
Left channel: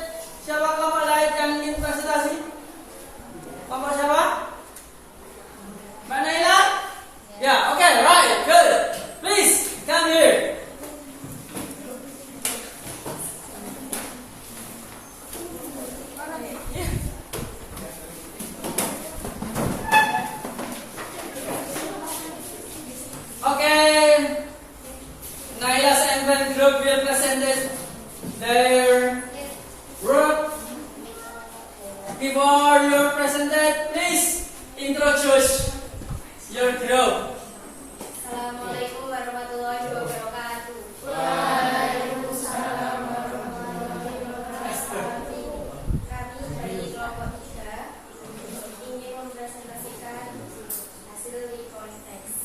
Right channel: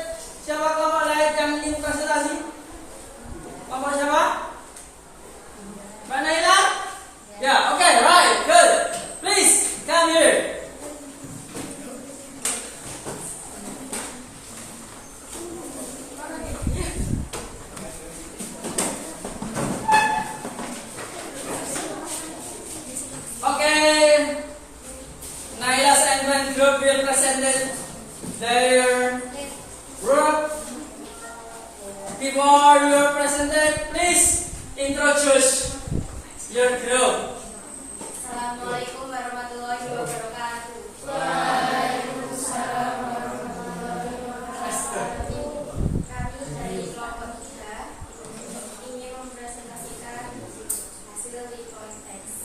Siapa kelompok lain yang ingin presentasi? Kelompok siapa? Mbak Naila? Ya, okay, right, good. Please come here. Okay, Naila's and Gwen group will present their group. Before you presented, please introduce your group. Assalamualaikum warahmatullahi wabarakatuh. Kami dari kelompok 3 ingin mempresentasikan hasil recount text.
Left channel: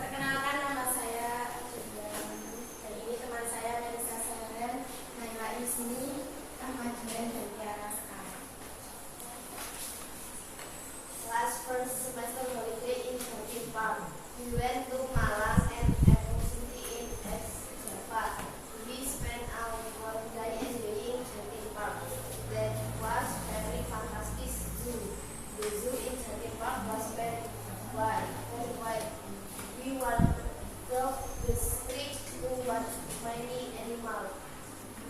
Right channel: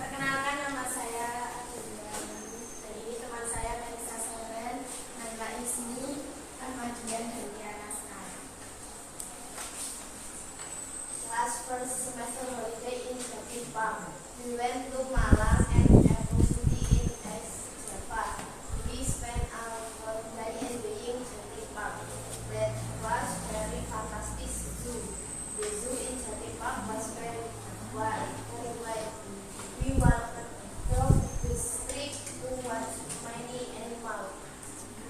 Perkenalkan, nama saya Adinda. Dan ini teman saya Melisa Seren, Naila Isni, Ahmad Julian, dan Tiara Sekar. Last first semester holiday in Jatim Park. We went to Malang and University in Japan. We spent our holiday enjoying Jatim Park. That was very fantastic zoo. The zoo in Jatim Park was very wide. We walked through the street to watch many animals.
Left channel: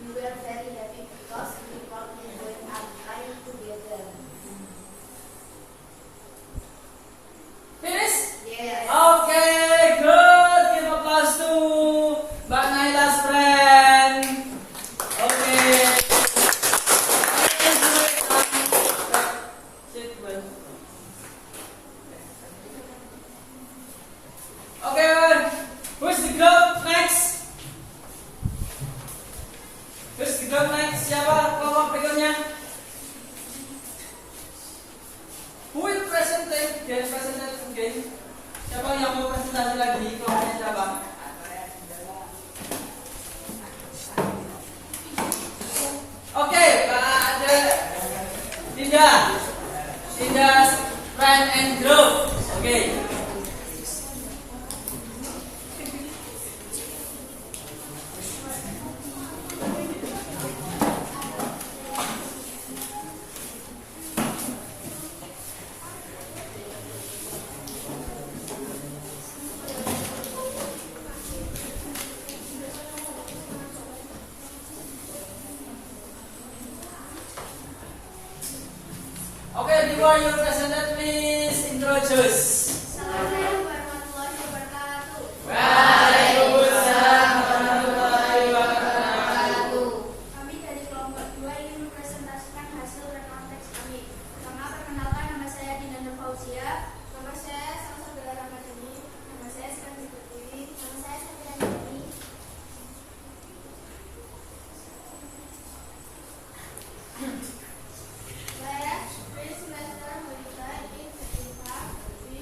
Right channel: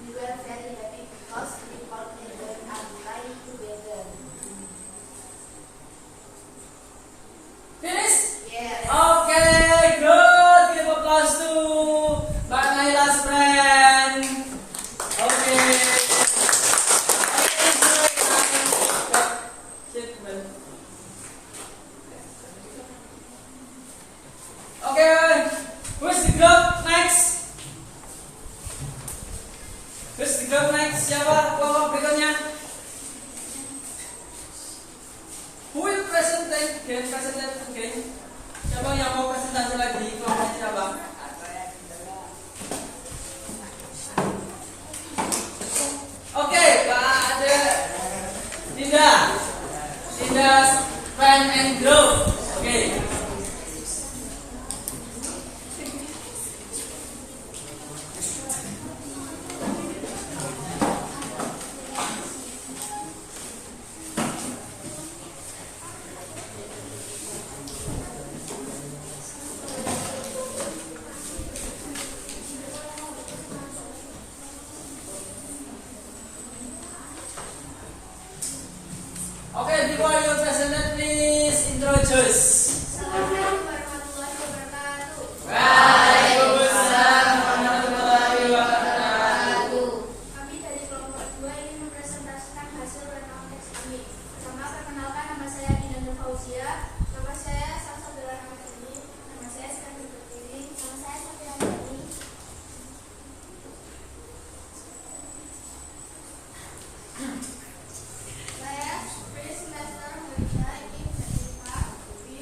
We were very happy because we could enjoy our time together. Finish? Yes. Okay, good. Give applause to Mbak Naila's friend. Okay. Okay, who's the group next? Who's the group next? Siapa kelompok berikutnya? Who will present again? Siapa yang mau presentasi lagi? Kelompoknya siapa? Oke, ada Dinda's friend and group. Oke. Okay, before you present it, please introduce. Assalamualaikum warahmatullahi wabarakatuh. Waalaikumsalam warahmatullahi wabarakatuh. Kami dari kelompok 2 ingin mempresentasikan hasil recount text kami. Pertama, perkenalkan, nama saya Dina Nur Fauzia. Nama saya Samsudara Ramadhani. Nama saya Sekarang Pertiwi. Nama saya Satria Dini. Saya pre-semester holiday in Jatim Park. We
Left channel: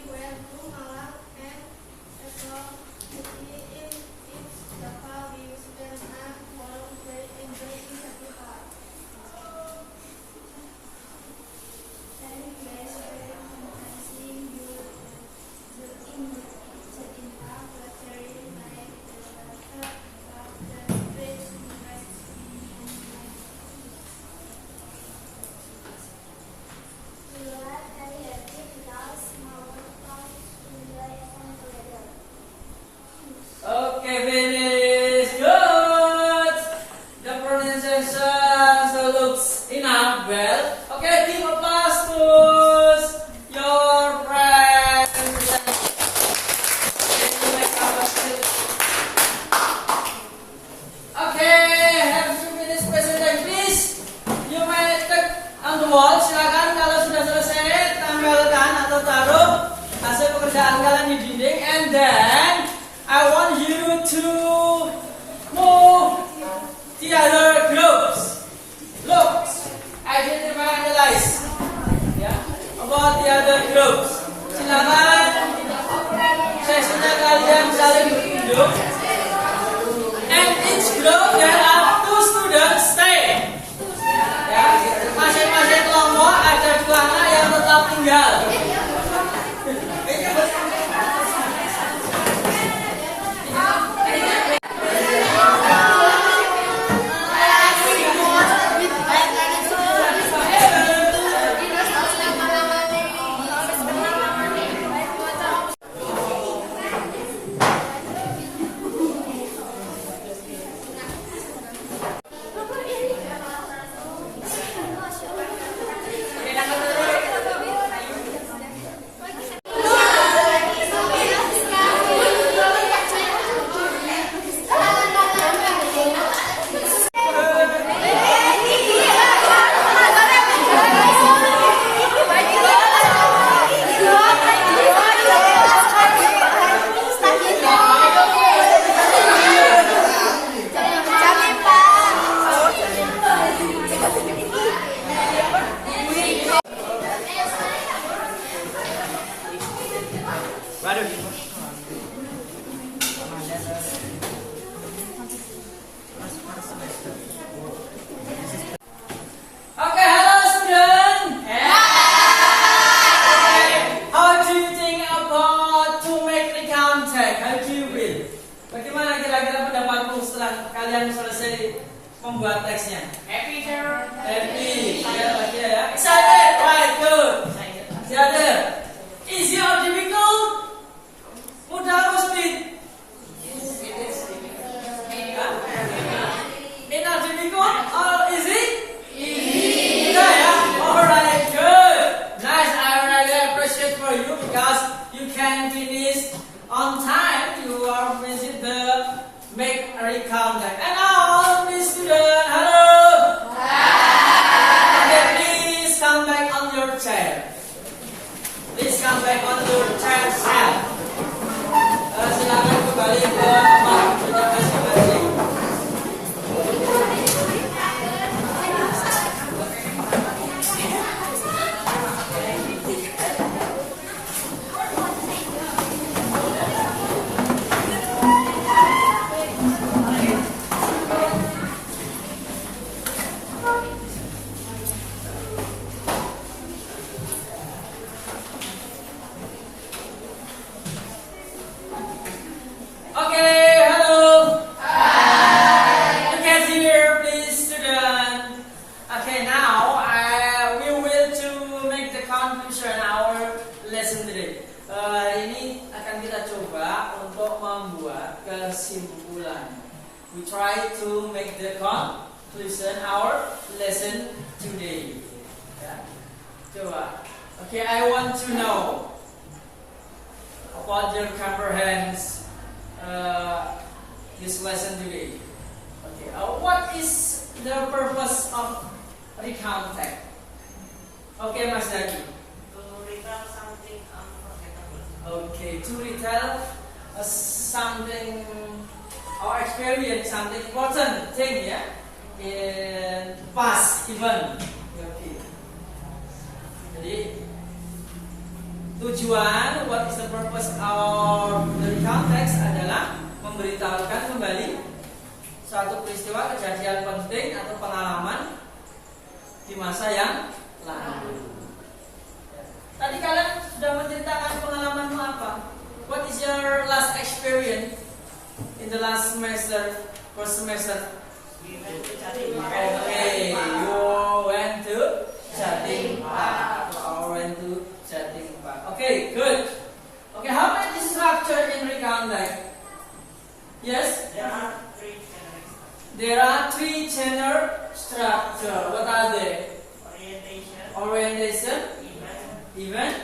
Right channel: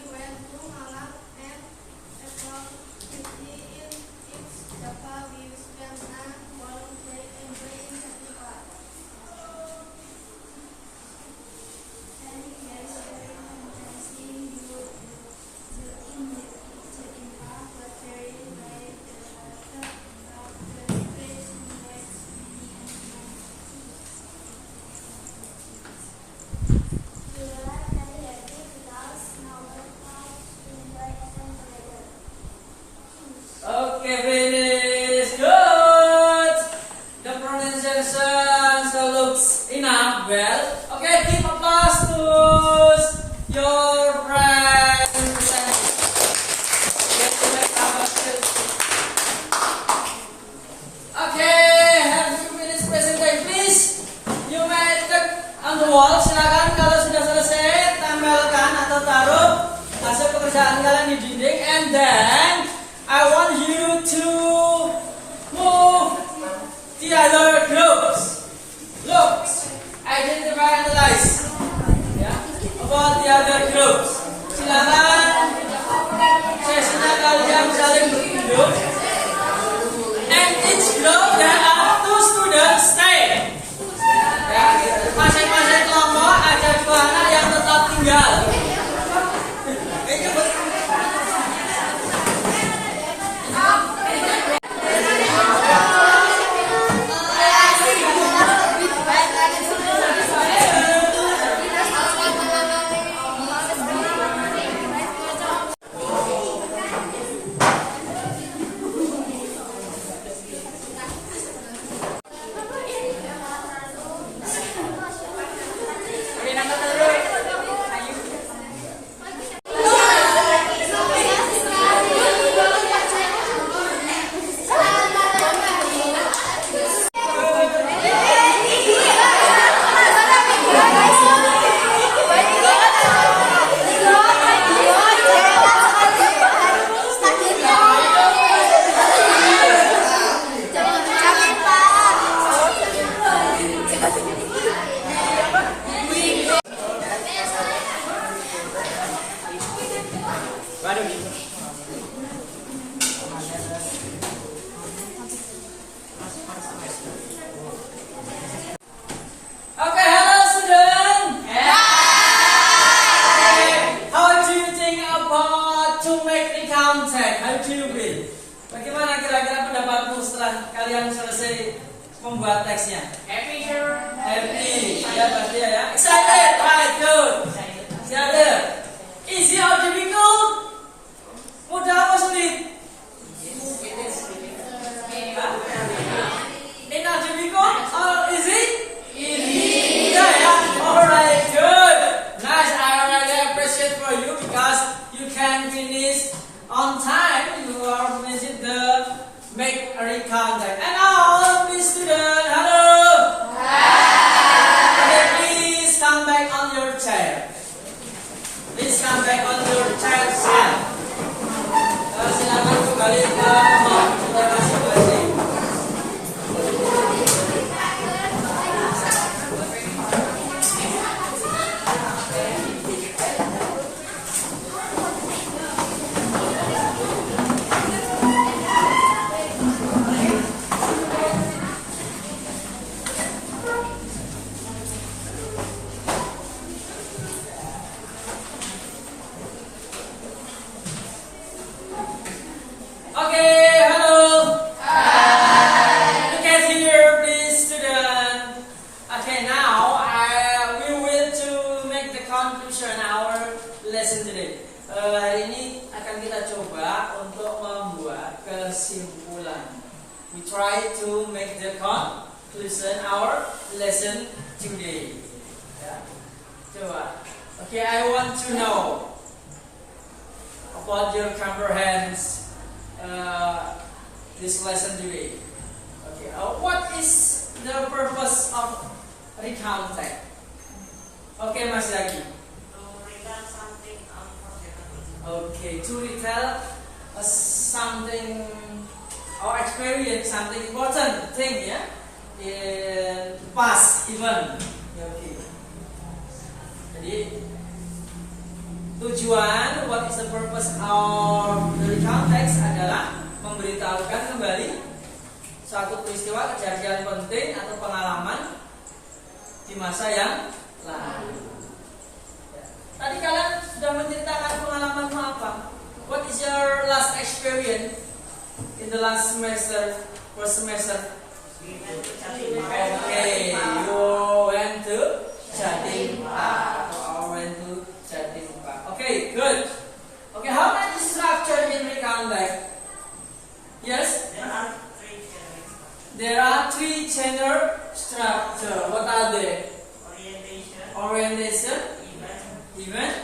reading, and then I want you to move the other groups. Look, identify, analyze. Ya, about the other groups. Silakan sesinya kalian saling berkunjung. And each group there are 2 students stay. Ya, masing-masing kelompok ada 2 anak yang tetap tinggal. Okay, hello student. How do you think about to make the contact? How do you feel? Bagaimana kira-kira pendapatmu setelah kalian selesai membuat teksnya? Happy, sir. Happy, ya pasti ya. Excited, right? Good. Excited. Easy or difficult? Mudah apa sulit? Not difficult or easy? Easy. Yeah. Alright, good. Nice. I really appreciate for you because you can finish on time. You are finishing the make eye contact. And now, please student, hello. Okay, please come back on your chair. Please come back on your chair. Silakan kembali ke masing-masing. Okay, hello. Hi. Look at here, please, student. Okay, now we will to make the conclusion our lesson today. Hari ini akan kita coba untuk membuat kesimpulan. We try to make the conclusion our lesson today. Ya, coba. Okay, I want to know about your comprehends this lesson today. Okay, what is the purpose of recontact? Okay, Mas Zaki. To retell something unforgettable. Okay, to retell something or experience something important thing, yeah, in past event. Okay. Jadi tujuan, what is the purpose of the context adalah memberitahukan kembali suatu peristiwa kejadian penting atau pengalaman di masa yang lalu. Tadi kalian sudah menceritakan pengalamanmu apa? What is your last experience in the last semester, first semester? We went to Jatim Park. Okay, you went to Jatim Park. Went to Jatim Park. Okay, good. Okay, how many structure in recontact? Yes? There are 3 general There are 3 general structure. What are they? orientation, Orientation, event, event,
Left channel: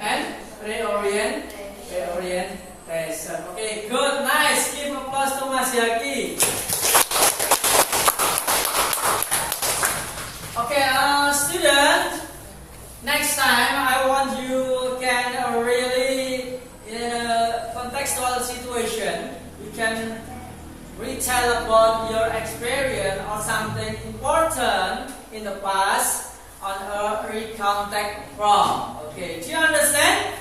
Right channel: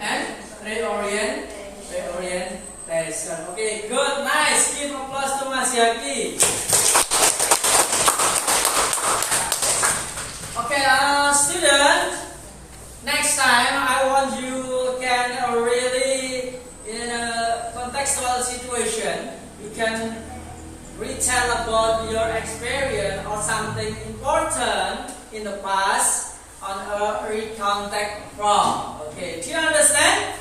and reorient. and reorientation. Okay, good, nice. Give applause to Mas Yaki. Okay, student. Next time, I want you can really contextual situation, you can retell about your experience or something important in the past on a recontact from. Okay, do you understand?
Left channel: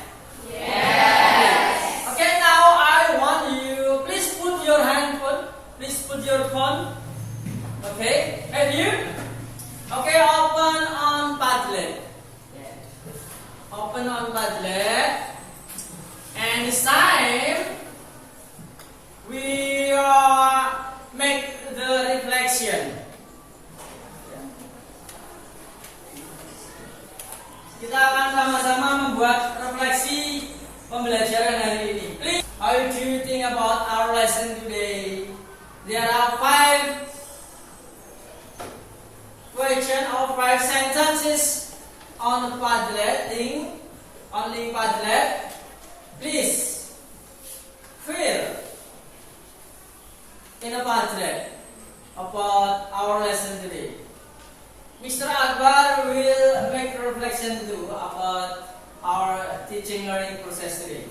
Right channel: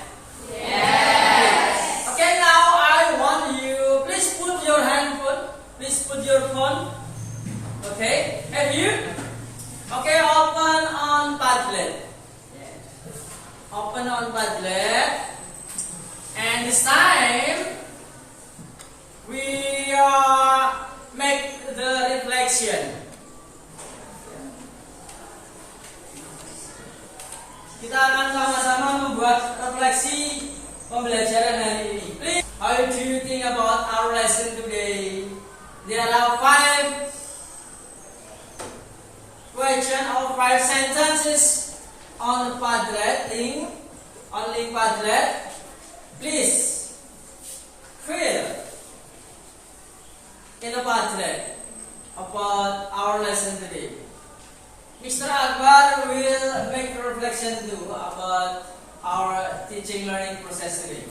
Yes. Okay, now I want you, please put your handphone, please put your phone. Okay, have you? Okay, open on Padlet. Open on Padlet. And this time, we make the reflection. Kita akan sama-sama membuat refleksi pembelajaran hari ini. Please, how do you think about our lesson today? There are 5 questions or 5 sentences on Padlet thing, only Padlet. Please fill in a Padlet about our lesson today. Mr. Akbar will make a reflection too about our teaching learning process today.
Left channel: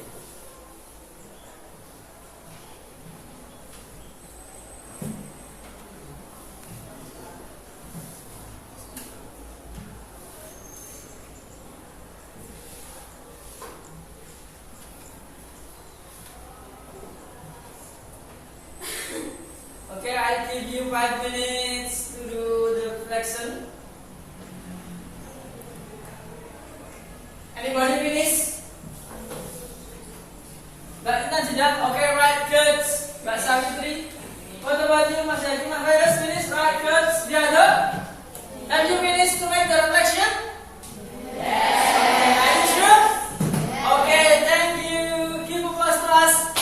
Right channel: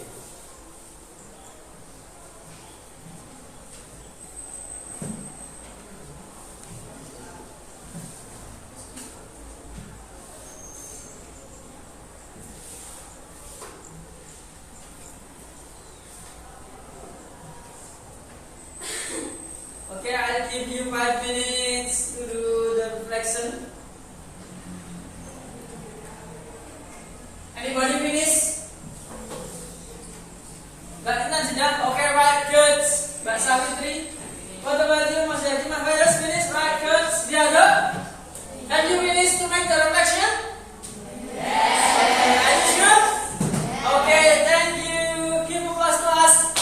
Okay, I'll give you 5 minutes to do the reflection. Anybody finish? Mbak Intan sudah? Okay, right, good. Mbak Savitri? What about you, Mas Yaki? Mas Virus finish? Right, good. The other? Have you finished to make the reflection? Yes. Okay, are you sure? Okay, thank you. Give applause to us.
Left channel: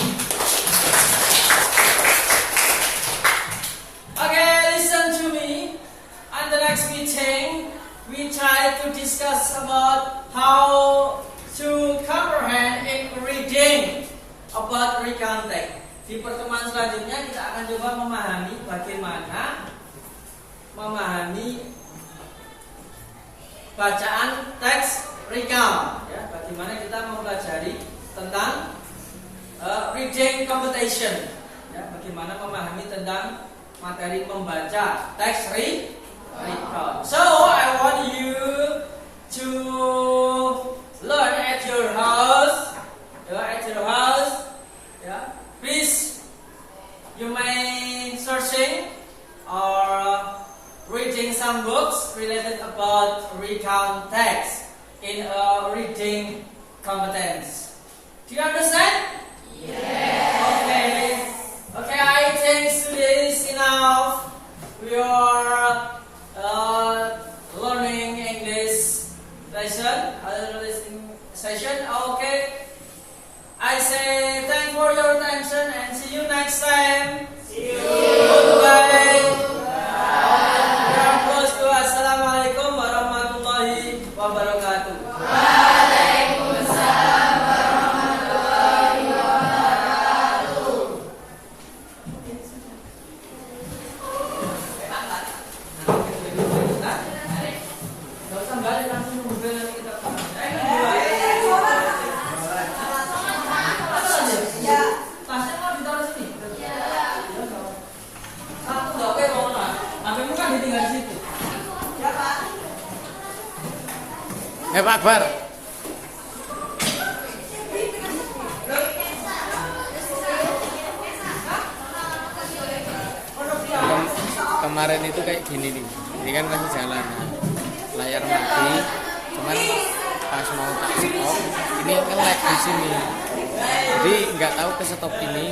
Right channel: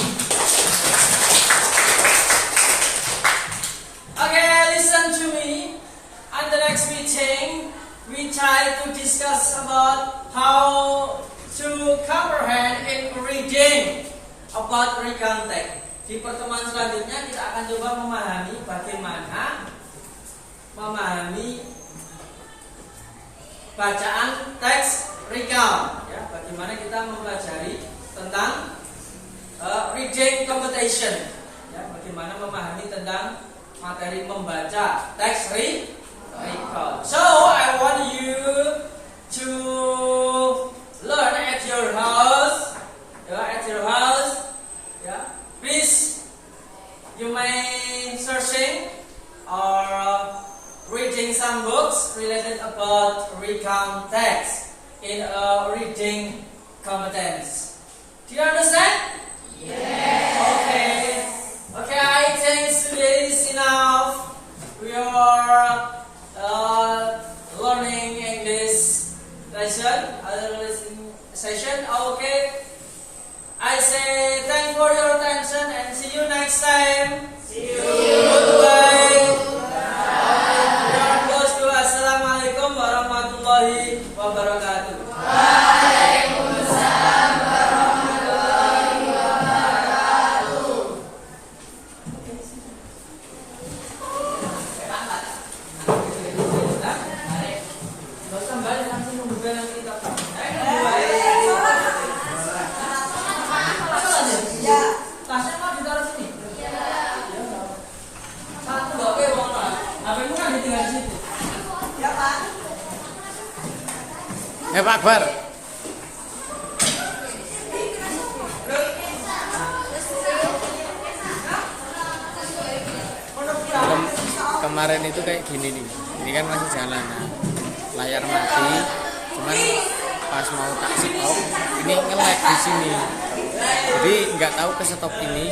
Okay, listen to me. At the next meeting, we try to discuss about how to comprehend in reading about recontact. Di pertemuan selanjutnya kita akan coba memahami bagaimana memahami bacaan teks recount. Ya, bagaimana kita mempelajari tentang reading comprehension. Ya, bagaimana memahami tentang materi membaca teks recount. So I want you to learn at your house. Please, you may searching or reading some books related about recount text in a reading competence. Do you understand? Yes. Okay, I think today is enough. We are learning English session. Okay. I say thank for your attention and see you next time. See you. Goodbye. We are close to Assalamualaikum warahmatullahi wabarakatuh. Waalaikumsalam warahmatullahi wabarakatuh. Kembali langsung membuka kita. Tasnya mau ditaruh sini? Iya. Satu gak oke mau nol. HPmu kan ditinggal di situ. Ya Pak. Pak Akbar. Kemarin itu kayak gini nih. Ini kan masih jalan. Nah, layar mati. Cuman pas mau tak stop, ini nge-lag di sini. Jadi nggak tahu ke stop ini.